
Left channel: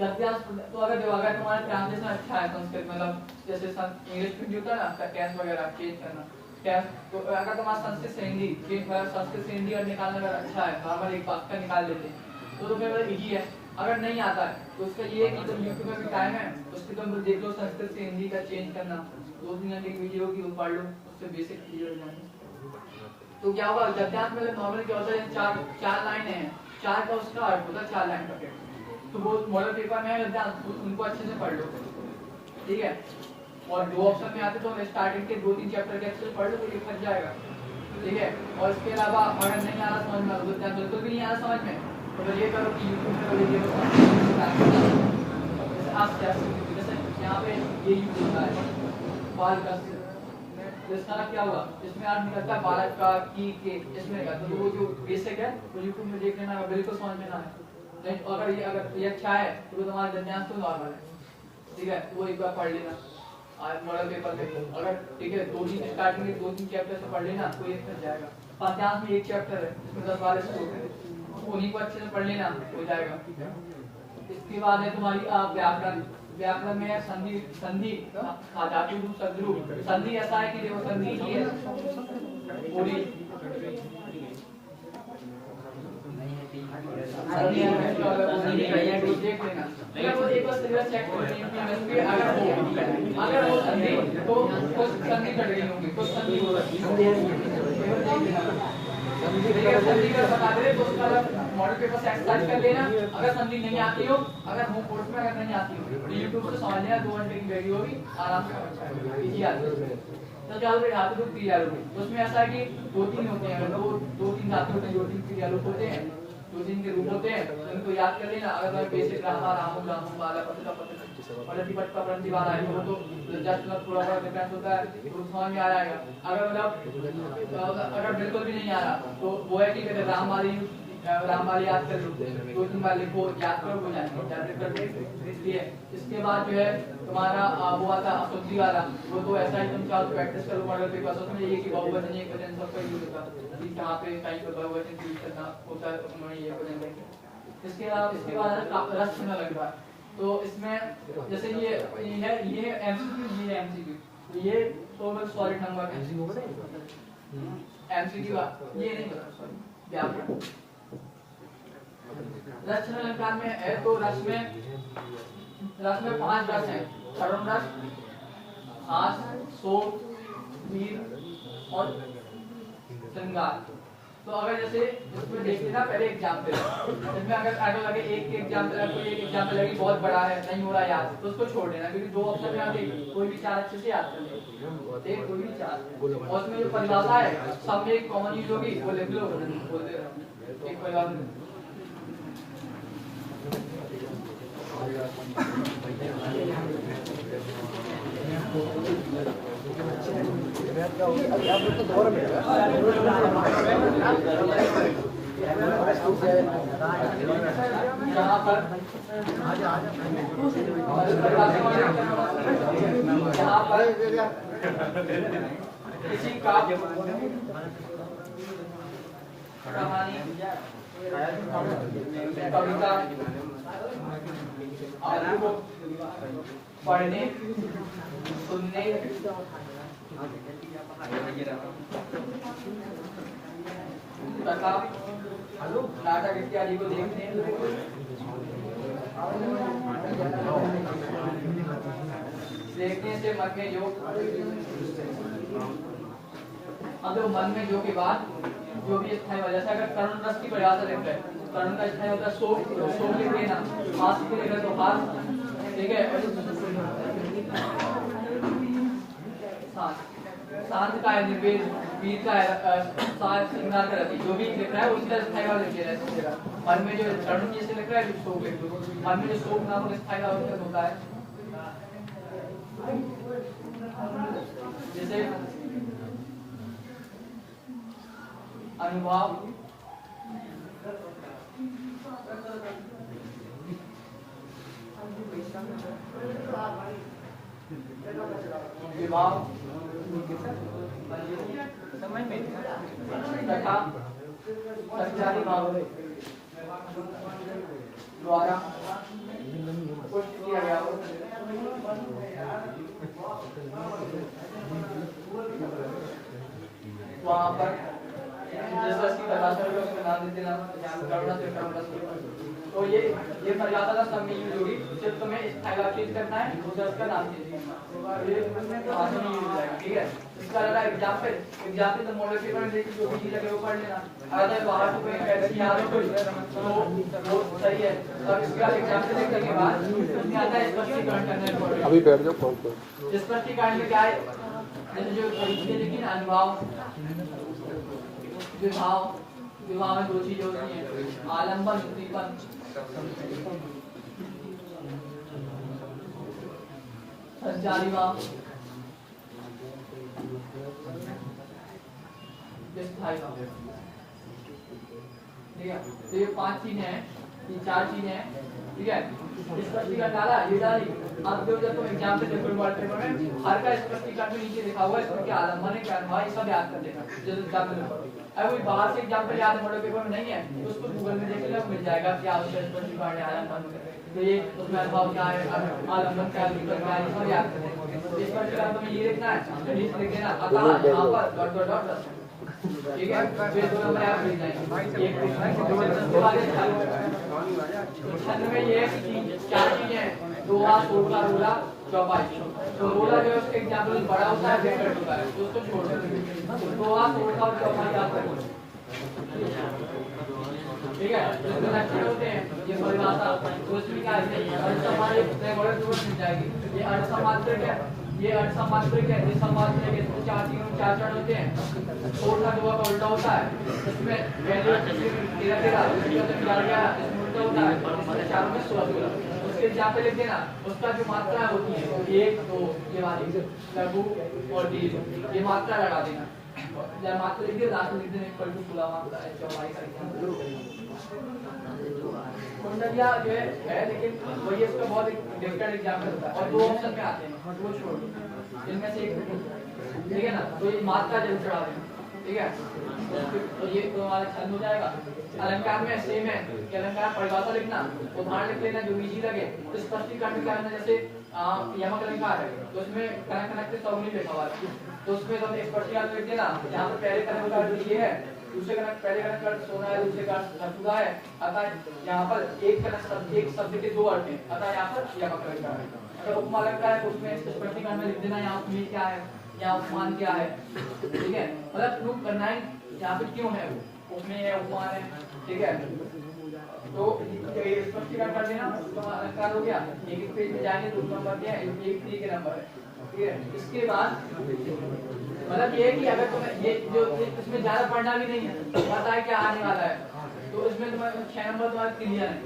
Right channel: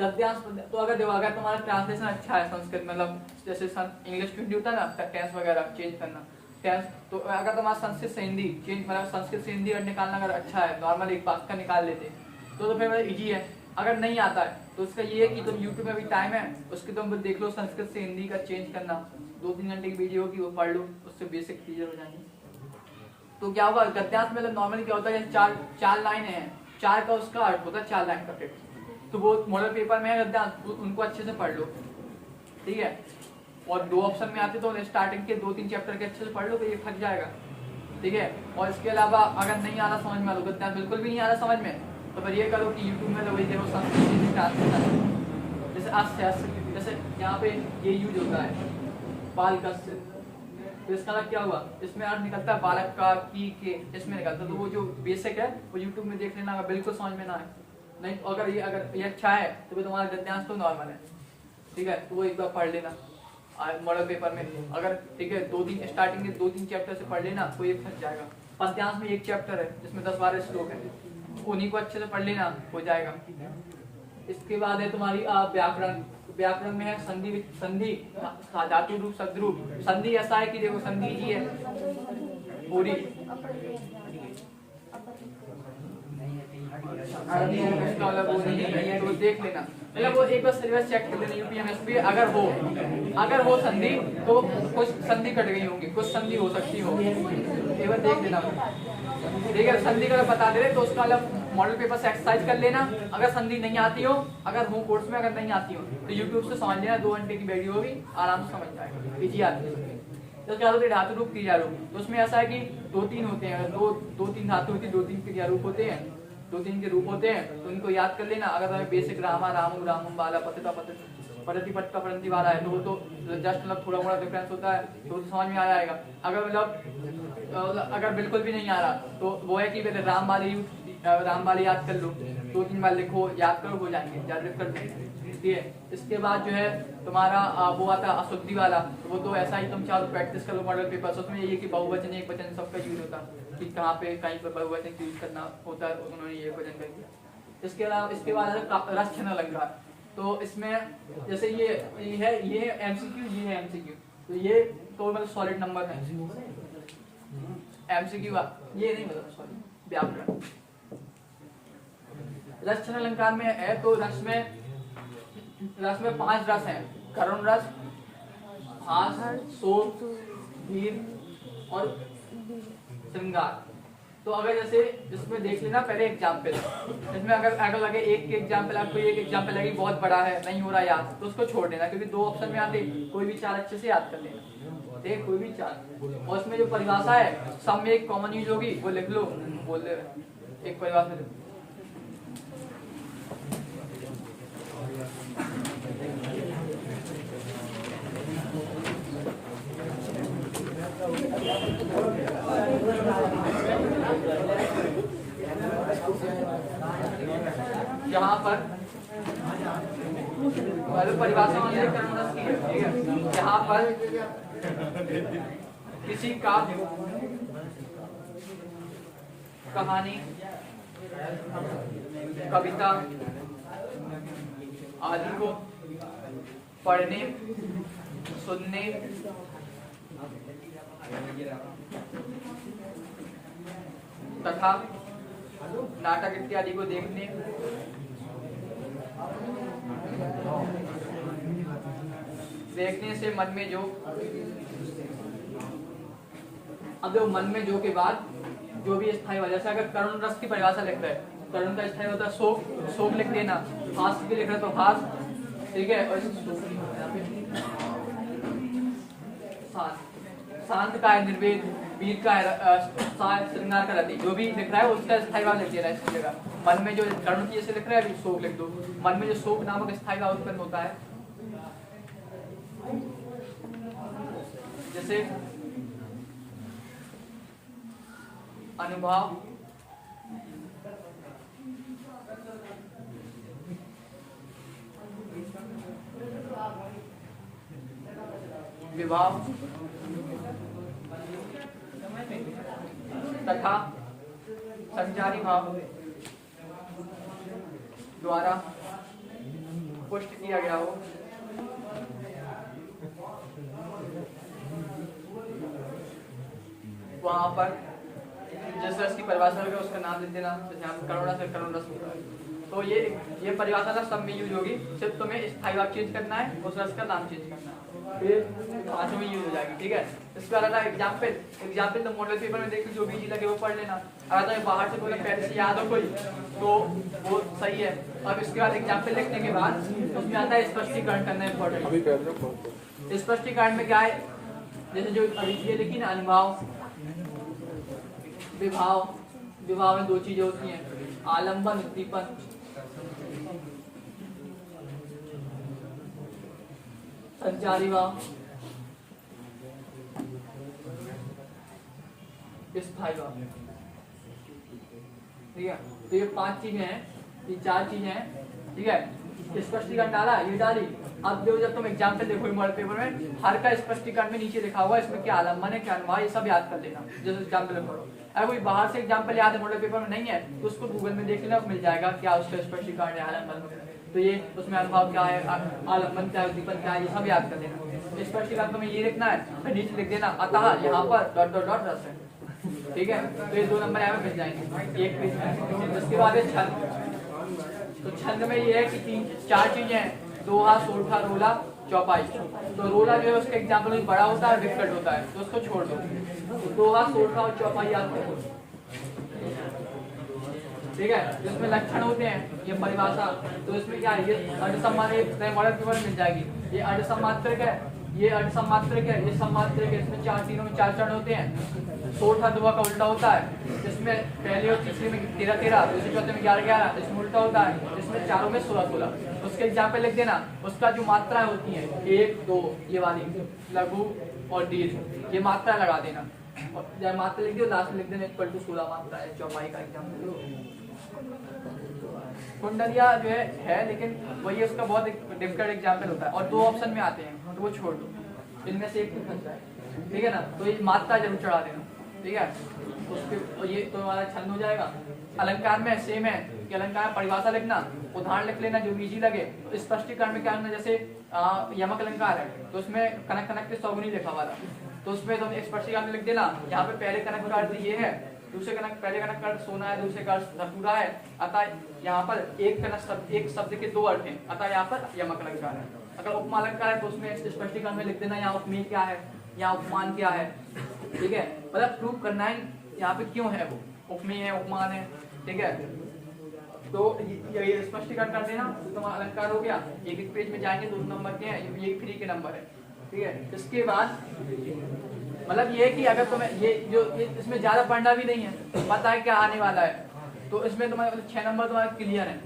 गद्यांश तो अगर देखो, अगर तुम्हारा ट्रांसलेशन अच्छा है संस्कृत, मतलब जैसे इंग्लिश में होता है ना टेंस वगैरह चेंज करना, टेंस, तो अगर तुम्हारा संस्कृत से हिंदी चेंज, मतलब संस्कृत से हिंदी और निकालना अगर अच्छा है, नॉर्मल एक वाक्य निकाल लेते हैं तो फिर इजी है। अगर नहीं आता है तो उसका ये है कि तुम यूट्यूब में भी टाइम है, उसकी तुम देख लो, संस्कृत से हिंदी का चेंज करना, 2-3 घंटे की वीडियो होगी वो पढ़ लो, उससे बेसिक चीजें हो जाएंगी। तो क्या होगा, गद्यांश में नॉर्मल क्या होता है, 4 लाइनें हैं, 4 का उसका अर्थ होता है 4 लाइन का टेक्स्ट, तो वो मॉडल पेपर में है गद्यांश, उनको अच्छे से पढ़ लो। ठीक है, और 2 ऑप्शन में आते तो स्टार्टिंग के 2-3 चैप्टर के अच्छे से पढ़ लो तो ये फट जाएगा। ठीक है, और इसके अलावा अगर नहीं आना समझ में, गद्यांश बिल्कुल भी नहीं आना समझ में, तो फिर ये करो कि यूट्यूब में लोग जैसे यहाँ पे ये यूज होता है, बाल कस तो इसका क्या हुआ, इसमें अर्थ निकलता है बालक का की के, इसमें निकलता है। तो वो जो बेसिक है वो यूट्यूब में देख लेना, बिल्कुल समझ में ना आए नहीं, अगर ये अच्छा है तो तुम्हारा गद्यांश तो नॉर्मल है, ठीक है, वो एक बार पढ़ लेना मॉडल पेपर में। अगर ठीक है 2-3 स्टार्टिंग में 2-3 चैप्टर से पढ़ लेना तो ये समझ जाएगा। पद्यांश में एक चैप्टर है जिसमें 10-12 श्लोक है, उन्हीं को अच्छे से पढ़ लेना हो जाएगा। इसके बाद है तुम्हारी व्याकरण। व्याकरण में है संधि, संधि धातु रूप शब्द रूप। संधि ऐसा है कि देखो संधि ही है पूरी, संधि देख लेना, लेकिन वो एक बार सिलेबस चेक कर लेनी होगी। अगर हो संधि तो कुछ संधि कट गई होंगी, कुछ संधि हो सकती है, केवल देख लेना। ठीक है, संधि का बता दे तो उसका अलग मॉडल पेपर से एक्सरसाइज कर लेना। अगर संधि नहीं आती हो, अगर होम कोर्स में अगर नहीं आती हो तो यूट्यूब से समझ लेना, 2 घंटे की वीडियो होगी, आराम से समझ जाएगा, इजी आती है। तो क्या होता है धातु रूप क्रिया रूप, उसमें ऐसा है कि 2-3 होते हैं, 2-3 धातु होते हैं, 2-3 क्रिया रूप होते हैं, 2-3 के रूप होते हैं, तो उनको याद कर लेना। अगर तुम्हें बेसिक रामा रामू रामू वाला पतिता पतिपट का प्रति वाला है तो जस्ट मतलब थोड़ा बड़ा डिफरेंस होता है तो समझ में आ जाएगा। अगर मतलब अगर बिल्कुल भी नहीं आ रहा तो वो है कि राम वाली याद कर लो, 2-3 बार लिखो, याद करो, हो जाएंगे, याद कर लो। इसलिए इसके बाद जो है तुम्हारा वो आता है अशुद्धि वाला, वो तो ऐसा ही तुम चाहो प्रैक्टिस करो मॉडल पेपर। उसमें ये कि बहुवचन एकवचन सबका यूज होता है कि कहाँ पे कहीं पर बहुवचन यूज करना होता है, उन्होंने ये वचन करके। इसके अलावा इसके बाद रस छना लग रहा है, तो इसमें जैसे ये एमसीक्यू, ये है एमसीक्यू, तो ये तो मतलब सॉलिड नंबर है एमसीक्यू, ये नहीं मतलब सॉरी व्याकरण। रस छन अलंकार में है तो रस में 5 रस हैं, करुण रस, हास, शोक, वीर और श्रृंगार। तो अगर जैसे इसमें देख लेना पहले एग्जाम्पल, इसमें अगर ऐड लगे एक एग्जाम्पल, कोई एक एग्जाम्पल लगे बहुत बड़ा है नहीं हो रहा याद तो उसको छोड़ देना, क्योंकि 2 ऑप्शन में आप कोई भी 4 अच्छे से याद कर ले, एक कोई भी 4, और उसमें जो परिभाषा है सब में एक कॉमन यूज होगी, वो लिख लो, बोल दे एक परिभाषा। यहाँ पर किसी का कहानी, कविता आदि को पढ़ने, सुनने, तथा नाटक इत्यादि को देखने, से मन में जो, अब देखो मन में जो के बाद जो भी स्थायी वजह से अगर करुण रस की परिभाषा लिखते हैं, करुण का स्थायी होता है शोक, तो शोक लिख देना, हास की लिख रहे तो हास, ठीक है। शांत का है निर्वेद, वीर का है श्रृंगार का रति, जो भी लिख रहा है उसका स्थायी भाव लिख देना। मन में जो करुण जैसे लिख रहा है शोक लिख दो, मन में जो शोक नामक स्थायी भाव उत्पन्न होता है, जैसे अनुभव, विभाव तथा संचारी भाव द्वारा पुष्ट किया गया हो, वहाँ पर जिस रस की परिभाषा होगी उसका नाम दे देना, करुणा से करुण रस। तो ये परिभाषा ना सब में यूज होगी, सिर्फ तुम्हें स्थायी भाव चेंज करना है, उस रस का नाम चेंज करना है, ये आज में यूज हो जाएगा, ठीक है। इसके अलावा एग्जाम्पल तो मॉडल पेपर में देखिए जो भी चीज लगे वो पढ़ लेना। अगर बाहर से कोई फैक्ट याद हो कोई तो वो सही है, और इसके बाद एग्जाम्पल लिखने के बाद उसमें आता है स्पष्टीकरण करने। अभी बैठ जाओ कौन को स्पष्टीकरण में क्या है, जैसे जो अभी लिखी ना अनुभव, विभाव में 2 चीजें होती हैं, आलंबन, उद्दीपन। संचारी भाव स्थायी वाला, ठीक है। तो ये 5 चीजें हैं, ये 4 चीजें हैं, ठीक है। स्पष्टीकरण डाला, ये डाली। अब जो जब तुम एग्जाम से देखो मॉडल पेपर में हर का स्पष्टीकरण में नीचे लिखा हुआ है, इसमें क्या आलम्बन है क्या अनुवाद, ये सब याद कर लेना जैसे एग्जाम में लिखो। अगर कोई बाहर से एग्जाम्पल याद है मॉडल पेपर में नहीं है तो उसको गूगल में देख लेना, मिल जाएगा क्या उसका स्पष्टीकरण है आलम्बन। तो ये उसमें अनुभाव क्या है, आलम्बन क्या है, विकल्प क्या है, ये सब याद कर लेना। स्पष्टीकरण में ये लिखना है, नीचे लिख देना अतः यहाँ पर डॉट डॉट डॉट, ठीक है। तो ये 2 नंबर यहाँ मिल जाएंगे। एक इसके बाद छंद में ये है कि 4 चीजें हैं, दोहा, सोखा, रोला, चौपाई। तो रोला जो है उसका एग्जाम्पल बड़ा होता है, विकट होता है, तो उसको छोड़ दो। दोहा, सोखा और चौपाई याद करो, ठीक है। तो इसमें लक्षण होते हैं, ये परिभाषा, तो इसमें क्या है, ये अनुसमानिक मॉडल पेपर मिल जाएगी। ये अनुसमात्रक है, ये अनुसमात्रक है, ये समात्रक है। इसमें 4 चरण होते हैं। सोठा दोहा का उल्टा होता है, इसमें पहले और तीसरे में 13-13, चौथे में 11-11, इसमें उल्टा होता है, इसमें चारों में 16-16। उसके एग्जाम्पल लिख देना। उसका जो मात्रा होती है 1, 2 ये वाली लघु और दीर्घ, ये मात्रा लगा देना। या मात्रा लिख दो, लास्ट में लिख देना 16 मात्रा है। चौपाई का एग्जाम्पल कुंडलिया जो है लेकिन वही उसका बहुत डिफिकल्ट एग्जाम्पल होता है और 2 ऑप्शन में आते हैं, तो वो छोड़ दो, इनमें से एक, ठीक है ना। तो ये मात्रा जरूर चढ़ा देना, ठीक है। तो ये तो हमारा छंद हो जाएगा। अलंकार में सेम है कि अलंकार में परिभाषा लिखना, उदाहरण लिख लेना जो इजी लगे। तो स्पष्टीकरण में क्या करना, जैसे यमक अलंकार है तो उसमें कनक कनक के सौगुनी लिखा हुआ है, तो उसमें तुम एक स्पष्टीकरण लिख देना। यहाँ पे पहले कनक का अर्थ ये है, दूसरे कनक, पहले कनक का अर्थ सोना है, दूसरे का अर्थ रतुरा है, अतः यहाँ पर एक शब्द के 2 अर्थ हैं, अतः यहाँ पर यमक अलंकार है। अगर उपमा अलंकार है तो उसमें स्पष्टीकरण में लिख देना यहाँ उपमेय क्या है, यहाँ उपमान क्या है, ठीक है। मतलब प्रूव करना है यहाँ पे क्यों है, वो उपमेय है, उपमान है, ठीक है। तो ये स्पष्टीकरण कर देना, तो अलंकार हो गया। एक पेज में जाएंगे 2 नंबर के हैं, ये फ्री के नंबर है, ठीक है। इसके बाद मतलब ये कि अगर तुम्हें ये जो इसमें ज्यादा पढ़ना भी नहीं है, पता है क्या आने वाला है, तो इसमें तुम्हारे 6 नंबर तुम्हारे क्लियर है।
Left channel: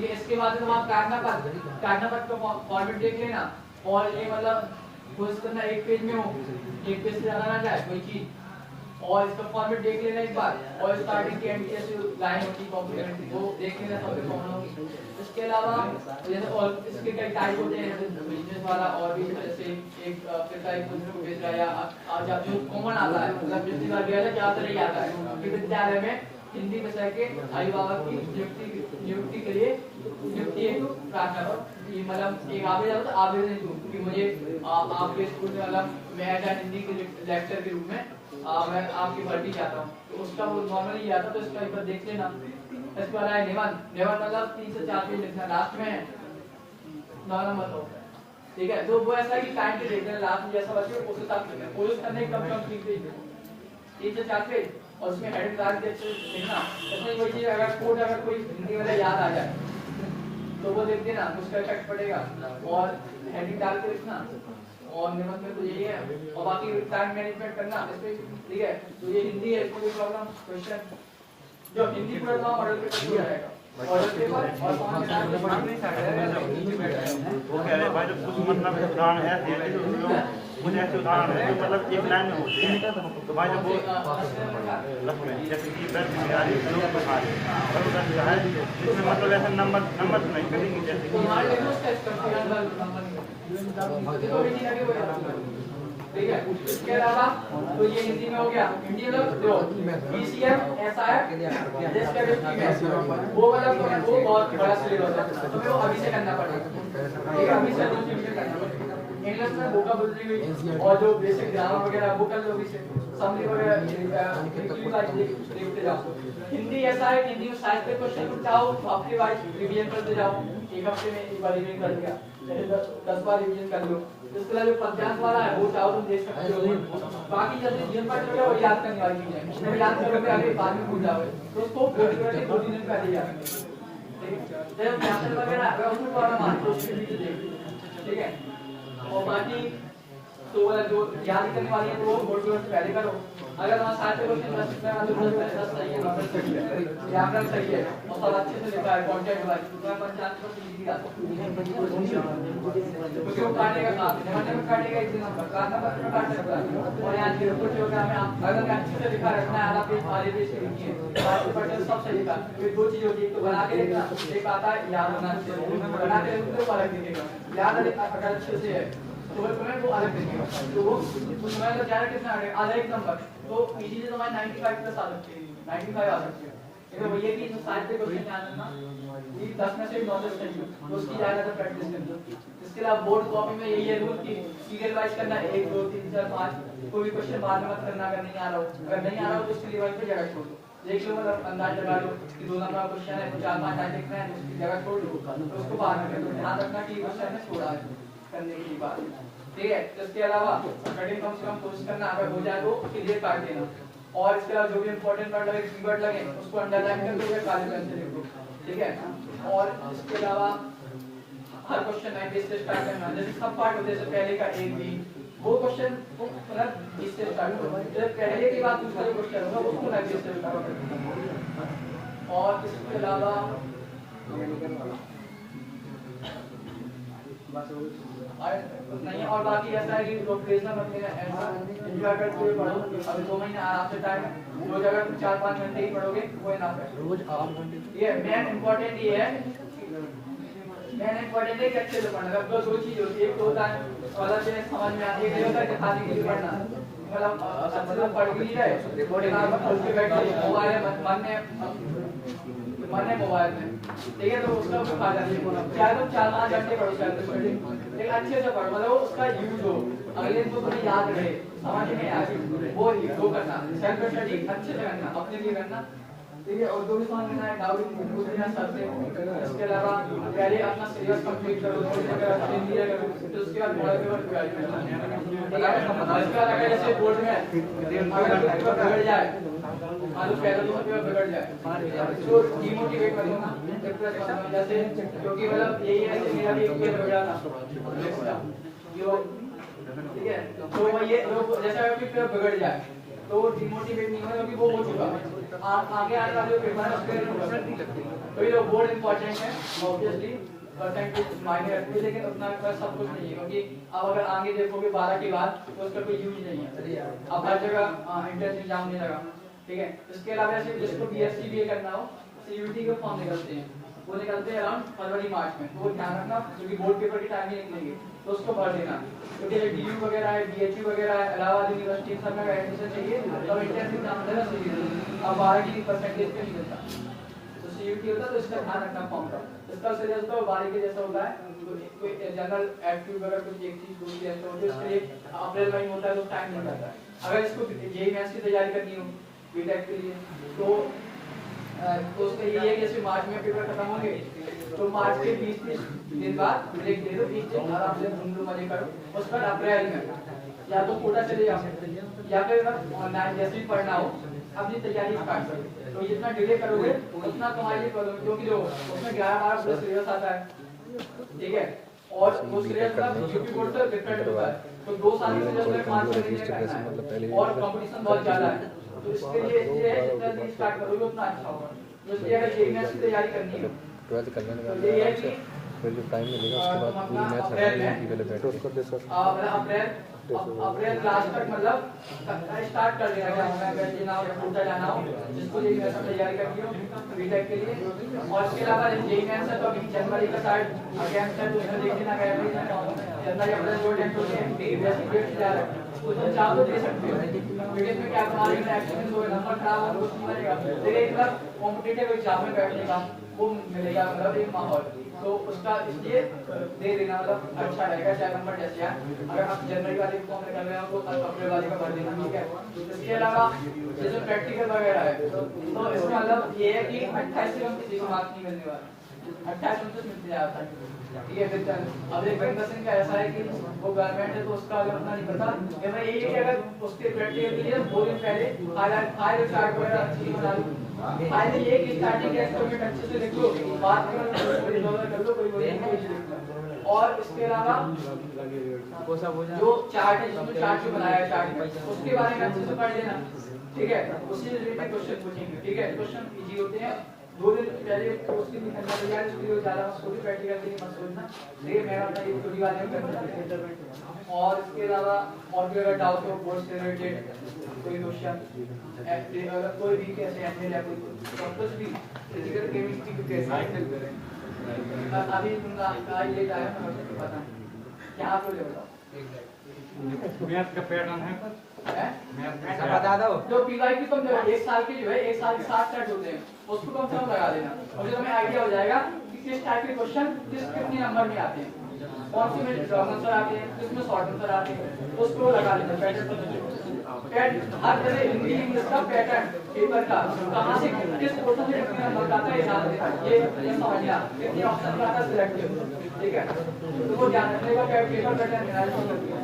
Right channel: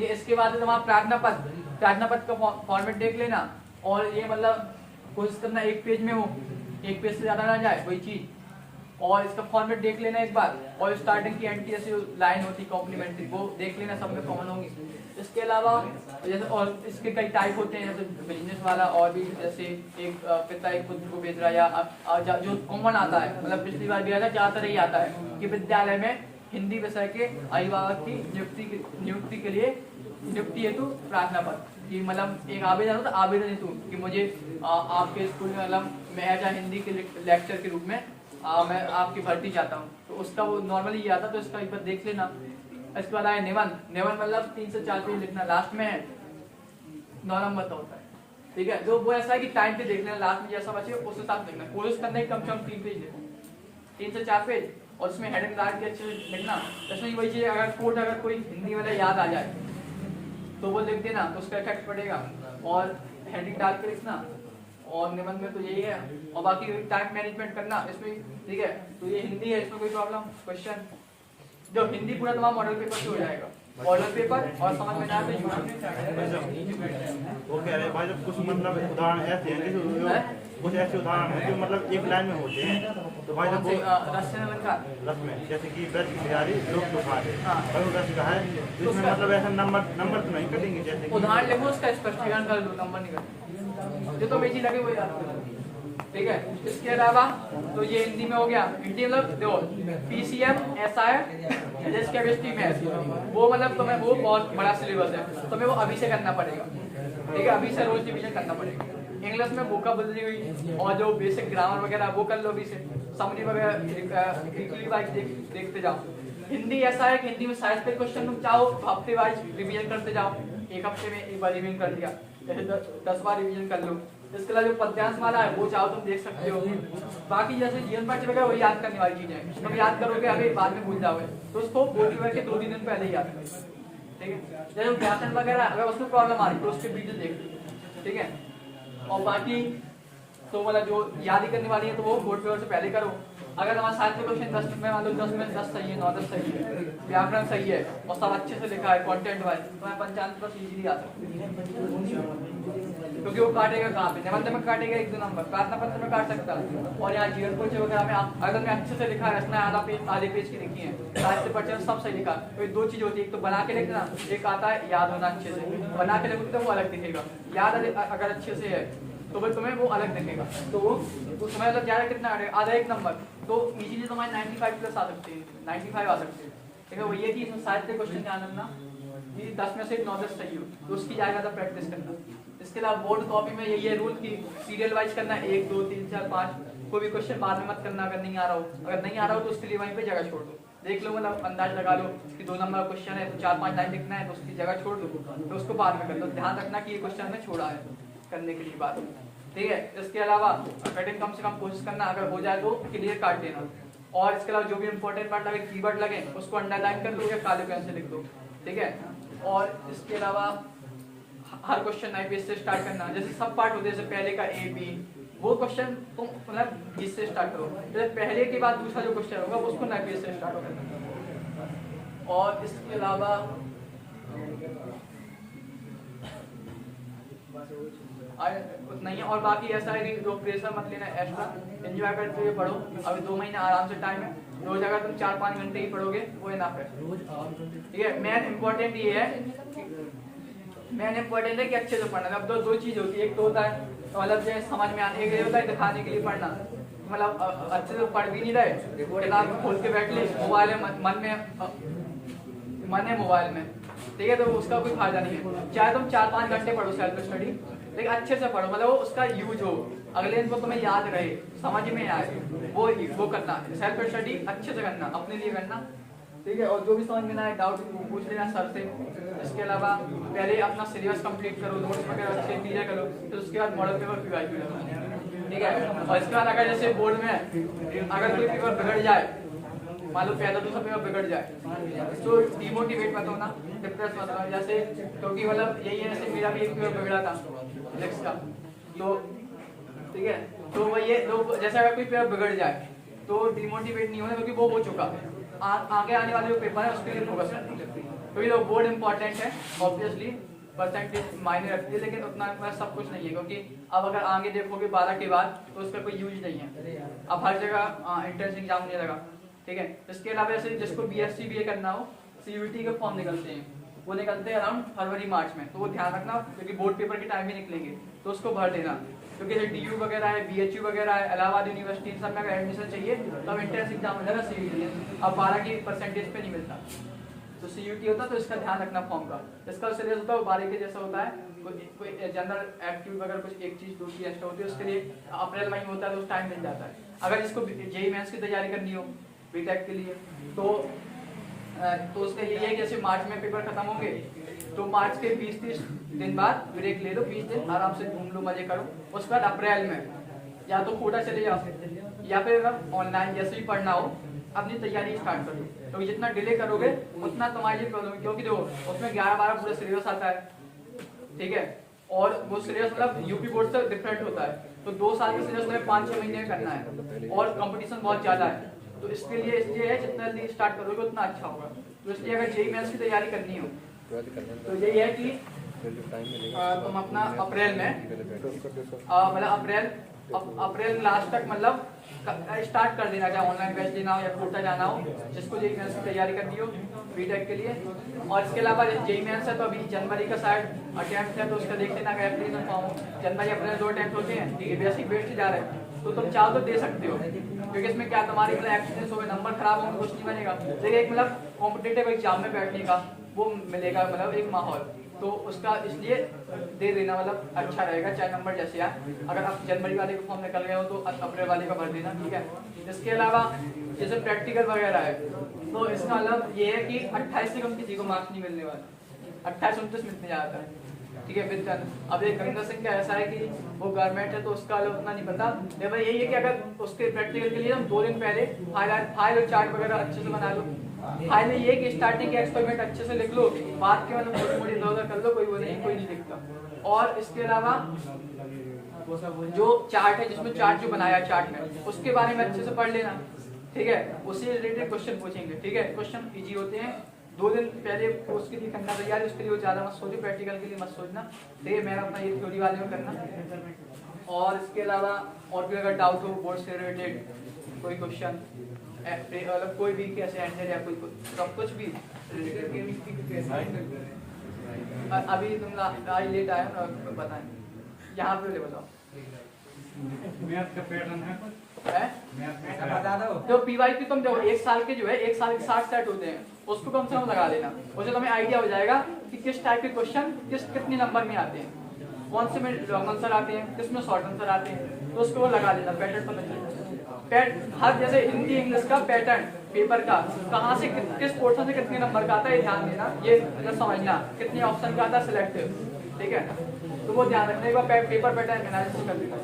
ये इसके बाद तुम्हारा प्रार्थना पत्र का फॉर्मेट देख लेना, और ये मतलब कोशिश करना 1 पेज में हो, 1 पेज से ज्यादा ना जाए कोई चीज, और इसका फॉर्मेट देख लेना एक बार, और स्टार्टिंग की एंट्री जैसे लाइन होती कॉम्प्लीमेंट्री वो देख लेना, सब पे कॉमन होगी। इसके अलावा जैसे और इसके कई टाइप होते हैं, जैसे बिजनेस वाला, और भी जैसे एक पिता एक पुत्र को भेज रहा है, या जब जो कॉमन आता है, मतलब पिछली बार दिया था ज्यादातर यही आता है कि विद्यालय में हिंदी विषय के अभिभावक की नियुक्ति के लिए नियुक्ति हेतु प्रार्थना पत्र, ये मतलब एक आवेदन होता है, आवेदन हेतु कि मुझे आपके स्कूल में मतलब मैं एज हिंदी के लेक्चर के रूप में मैं आपकी भर्ती चाहता हूँ, तो उसका वो नॉर्मली ये आता, तो इसका एक बार देख लेना। इसके बाद आए निबंध मतलब 3 से 4 पेज लिखना, लास्ट में 9 नंबर होता है, ठीक है। तो वो ऐसा है कि टाइम पे देख लेना, लास्ट जैसा बचे उस हिसाब से लिखना, कोशिश करने की कम से कम 3 पेज 3 से 4 पेज, और उसमें हेडिंग डाल के लिखना। इसमें वही चीज, अगर कोड अगर कोई हिंदी वाला याद आ जाए तो वो लिख देना, उसका इफेक्ट पड़ेगा, और हेडिंग डाल के लिखना। और निबंध में तो यही है, और बाकी टाइम मैनेजमेंट करना इसमें, ठीक है। तो ये हिंदी है, कोई प्रॉब्लम क्वेश्चन जो हिंदी पूरा मॉडल पेपर हो जाएगा, मॉडल पेपर और समझ में आने वो कह रहे भाई जब कुछ मतलब उदाहरण ऐसे हैं जैसे उसमें कुछ ऐसे उदाहरण हैं जो मतलब एक लाइन में होते हैं, तो भाई जब वो लक्ष्य जैसे कि व्रत बिहारी लोग तो खा रहे और उधर जो है जिसमें मतलब ऐसा नंबर तो नहीं करेंगे, जैसे कि उदाहरण लेंगे उसका स्पष्टीकरण कर नंबर नहीं देखो बेटी लगे कोई, ठीक है। इसके अलावा तो ये हिंदी में हो गया, हिंदी मतलब जो पीसीएम एसआईआर देश के केमिस्ट्री में वो मतलब तुम्हें वो बहुत बड़ा सिलेबस है, तो तुम्हें वो अभी से करना पड़ेगा, ठीक है। अभी से रिवीजन करना पड़ेगा। इंग्लिश में वोकैबुलरी और जो बेसिक ग्रामर वगैरह वो कर लो अभी से, समरी वगैरह वीकली वाइज देखते जाओ। हिंदी ऐसा है, हिंदी में साइंस पे क्वेश्चन तुम चाहो हफ्ते वाइज रिवीजन करते जाओ, एक हफ्ते में एक बार रिवीजन कर लिया, 10 बार रिवीजन कर लो। इसके अलावा जो पद्यांश वाला है वो चाहो तुम देख सकते हो। बाकी जैसे जीवन पाठ चलोगे वो याद करने वाली चीज है, तुम याद करोगे अभी बाद में भूल जाओगे, तो उसको 2 दिन पहले ही याद करोगे, ठीक है। जैसे व्याकरण वगैरह अगर उसमें प्रॉब्लम आ रही है उसकी वीडियो देख, ठीक है। और बाकी तो वाला जो याद करने वाली है तो वो बोर्ड से पहले करो, अगर हमारा साहित्य क्वेश्चन 10 में मान लो 10 में 10 सही है, 9 सही है, व्याकरण सही है और सब अच्छे से लिखा है कंटेंट वाइज, तो मैं 95% इजीली आ सकता हूं, क्योंकि वो काटेगा कहां पे, मतलब में काटेगा एक नंबर, काटना पत्र में काट सकता है। और यहाँ जीरो कुछ हो गया, मैं अगर मैं अच्छे से लिखा है, इसमें आधे पेज की लिखी है, 80% सब सही लिखा, कोई दो चीज होती है, एक तो बना के लिखना, एक आता है याद होना अच्छे से, बना के लिखते तो वो अलग दिखेगा, याद अगर अच्छे से है तो वो तुम्हें वो अलग दिखेगा, तो वो तुम्हें अगर ज्यादा कितना आधा एक नंबर, तो इजीली तुम्हारे 95 प्लस आ सकते हैं, 95 आ सकते हैं। लेकिन वो ये कि इसमें साहित्य क्वेश्चन ध्यान रखना कि 10 में से 9 सही हो, तो उसकी ज्यादा प्रैक्टिस करना। इसके अलावा बोर्ड कॉपी में यही है रूल कि सीरियल वाइज करना है, 1 2 3 4 5, कोई भी क्वेश्चन बाद में मत करना अगर नहीं आ रहा हो, अगर नहीं आ रहा हो तो इसके लिए वहीं पे जगह छोड़ दो, देख लो, मतलब अंदाज लगा लो कि 2 नंबर क्वेश्चन है, 4-5 लाइन लिखना है, तो उसकी जगह छोड़ दो, तो उसको बाद में कर दो, ध्यान रखना कि क्वेश्चन में छोड़ा है करने की बात, ठीक है। इसके अलावा कटिंग कम से कम कोशिश करना, अगर हो जाए तो क्लियर काट देना, और इसके अलावा जो भी इंपॉर्टेंट वर्ड लगे, कीवर्ड लगे, उसको अंडरलाइन कर दो या काले पेन से लिख दो, ठीक है। और इसके अलावा हर क्वेश्चन नए पेज से स्टार्ट करना, जैसे सब पार्ट होते हैं, जैसे पहले का ए बी, वो क्वेश्चन तुम मतलब इससे स्टार्ट करो, जैसे पहले के बाद दूसरा जो क्वेश्चन होगा उसको नए पेज से स्टार्ट करो। और इसके अलावा नहीं, और बाकी ऐसा है कि लोग प्रेशर मत लेना, एंजॉय करते हुए पढ़ो, अभी 2 महीने आराम से टाइम है, रोज अगर तुम 4-5 घंटे ही पढ़ोगे वो इनफ है, रोज 8 घंटे। ठीक है, मेन इंपॉर्टेंट ये है कि अच्छे से पढ़ना। अब तो 2 चीज होती है, एक तो होता है मतलब से समझ में आने के लिए होता है, दिखाने के लिए पढ़ना, मतलब अच्छे से पढ़ भी नहीं रहे, रिकॉर्डिंग आप खोल के बैठ गए मोबाइल मन है मोबाइल में, ठीक है, तो उसका कोई फायदा नहीं है। चाहे तुम 4-5 घंटे पढ़ो सेल्फ स्टडी, लेकिन अच्छे से पढ़ो, मतलब उसका यूज हो, अगले दिन को तुम्हें याद रहे, समझ में आए, वो करना, सेल्फ स्टडी अच्छे से करना, अपने लिए करना, ठीक है। और जो भी समझ में आए डाउट पूछ लेना सर से। इसके अलावा पहले अपना सिलेबस कंप्लीट करो, अगर अच्छे क्लियर करो, तो उसके बाद मॉडल पेपर प्रिपेयर करना, ठीक है। इसके बाद अगर जैसे बोर्ड में अगर कोई पेपर बिगड़ जाए, मान लो पहला दूसरा पेपर बिगड़ जाए, तो डिमोटिवेट मत होना, डिप्रेस मत होना, जैसे क्योंकि मतलब यही है कि मेरा भी एक पेपर बिगड़ा था नेक्स्ट का, ठीक है। तो ये लोग जैसे अगर कोई पेपर बिगड़ जाए तो डिमोटिवेट नहीं होना, क्योंकि वो हो चुका, आगे आने वाले जो पेपर है उसके लिए परसेंट नहीं लगती, क्योंकि लोग बोर्ड इंपॉर्टेंट है, ऑब्वियसली परसेंटेज मायने रखती है, लेकिन उतना सब कुछ नहीं है, क्योंकि अब अगर आगे देखोगे 12 के बाद तो उसका कोई यूज नहीं है, अब हर जगह एंट्रेंस एग्जाम होने लगा, ठीक है। इसके अलावा जैसे जिसको बीएससी बीए करना हो, सीयूईटी के फॉर्म निकलते हैं, वो निकलते हैं अराउंड फरवरी मार्च में, तो वो ध्यान रखना, क्योंकि बोर्ड पेपर के टाइम में निकलेंगे, तो उसको भर देना, क्योंकि डीयू वगैरह है, बीएचयू वगैरह है, इलाहाबाद यूनिवर्सिटी इन सब में एडमिशन चाहिए, तब एंट्रेंस एग्जाम मिलेगा सीयूईटी, अब 12 की परसेंटेज पे नहीं मिलता, तो सीयूईटी होता है, तो इसका ध्यान रखना फॉर्म का। इसका सिलेबस होता है 12 के जैसा होता है, कोई जनरल एक्टिव वगैरह कुछ एक चीज दूसरी ऐसा होती है, उसके लिए अप्रैल महीने होता है, तो टाइम मिल जाता है। अगर इसको जेईई मेंस की तैयारी करनी हो बीटेक के लिए, तो उसके ये है कि जैसे मार्च में पेपर खत्म होंगे, तो मार्च के 20-30 दिन बाद ब्रेक ले लो, 20 दिन आराम से घूम लो, मजे करो, उसके बाद अप्रैल में या तो कोटा चले जाओ या फिर ऑनलाइन जैसे भी पढ़ना हो अपनी तैयारी स्टार्ट करो, तो जितना डिले करोगे उतना तुम्हारे लिए प्रॉब्लम, क्योंकि जो उसमें 11-12 पूरा सिलेबस आता है, ठीक है, और वो सिलेबस मतलब यूपी बोर्ड से डिफरेंट होता है, तो 2 साल के सिलेबस में 5-6 महीने करना है, और कंपटीशन बहुत ज्यादा है, तो इसके लिए जितना जल्दी स्टार्ट करोगे उतना अच्छा होगा। तो इसलिए अगर जेईई मेंस की तैयारी करनी हो तो ये है कि टाइम मिलेगा उसके बाद अपना अप्रैल में मतलब अप्रैल लास्ट तक मतलब स्टार्ट कर देना, क्या ऑनलाइन बैच देना हो या कोटा जाना हो, जिसको जेईई मेंस की तैयारी करनी हो बीटेक के लिए। और इसके अलावा जेईई मेंस है तो अभी जनवरी का शायद अटेम्प्ट है, तो उसमें देख लेना, जनवरी अप्रैल 2 अटेम्प्ट होते हैं, बेसिक वेट से जा रहा है, तो तुम चाहो तो दे सकते हो, क्योंकि इसमें क्या तुम्हारे एक्सपीरियंस होगा, नंबर खराब होगा कुछ नहीं बनेगा, लेकिन मतलब कॉम्पिटिटिव एग्जाम में बैठने का वो मिलेगा, मतलब एक माहौल, तो उसका इसलिए दे देना मतलब अच्छा रहेगा, चाहे नंबर जैसे आए। अगर आप जनवरी वाले फॉर्म निकल गए हो तो अप्रैल वाले का भर देना, ठीक है। इसके अलावा जैसे प्रैक्टिकल वगैरह है, तो इसका मतलब ये है कि 28 से कम किसी को मार्क्स नहीं मिलने वाला, 28-29 मिलने जा रहा है, ठीक है। फिर अब एक महेंद्र सिंह का ऐसा है कि वो गवर्नमेंट है, तो उसका उतना नहीं पता, लेकिन यही है कि अगर उसके प्रैक्टिकल के लिए 2 दिन पहले फाइल चार्ट वगैरह अच्छे से बना लो, फाइनली ये कि स्टार्टिंग के एक्सपेरिमेंट अच्छे से लिख लो, बाद में कर लो, कोई नहीं लिखना। और इसके अलावा जो चार्ट है, जिसमें चार्ट जो बनाया चार्ट में, उसके बारे में अच्छे से पढ़ लेना, ठीक है, उससे रिलेटेड क्वेश्चन पूछेंगे। ठीक है, क्वेश्चन इजी होते हैं। 2 दिन पहले कोर्स की करना तैयार, उसके लिए ज्यादा मत सोचिए, प्रैक्टिकल के लिए मत सोचना। ठीक है, मैं अपना ये थ्योरी वाले में करना। और इसके अलावा और भी अगर डाउट हो बोर्ड से रिलेटेड कोई क्वेश्चन, अगर कोई भी कैसे एंड या कोई कुछ भी फिजिकल केमिस्ट्री की कैसे अभी आज लेट आया ना, तो पता नहीं क्या पे ले बताओ। मैथ का पैटर्न है कुछ है मैथ बता दो। जो पीवाईक्यू तुम जो 1 साल के जो है 1 साल के 60 सेट होते हैं, उसको कम से कम लगा देना, मुझे तुम्हें आइडिया हो जाएगा कि किस टाइप के क्वेश्चन कितने नंबर में आते हैं, कौन से में लॉन्ग आंसर आते हैं, किसमें शॉर्ट आंसर आते हैं, तो उसको लगा देना। पैटर्न हर जैसे हिंदी इंग्लिश का पैटर्न पेपर का कहाँ से किस पोर्शन से कितने नंबर का आता है ध्यान देना, ये समझना कितने ऑप्शन का आता है सिलेक्ट। ठीक है, तो वो ध्यान रखने का पेपर पैटर्न एनालिसिस करना।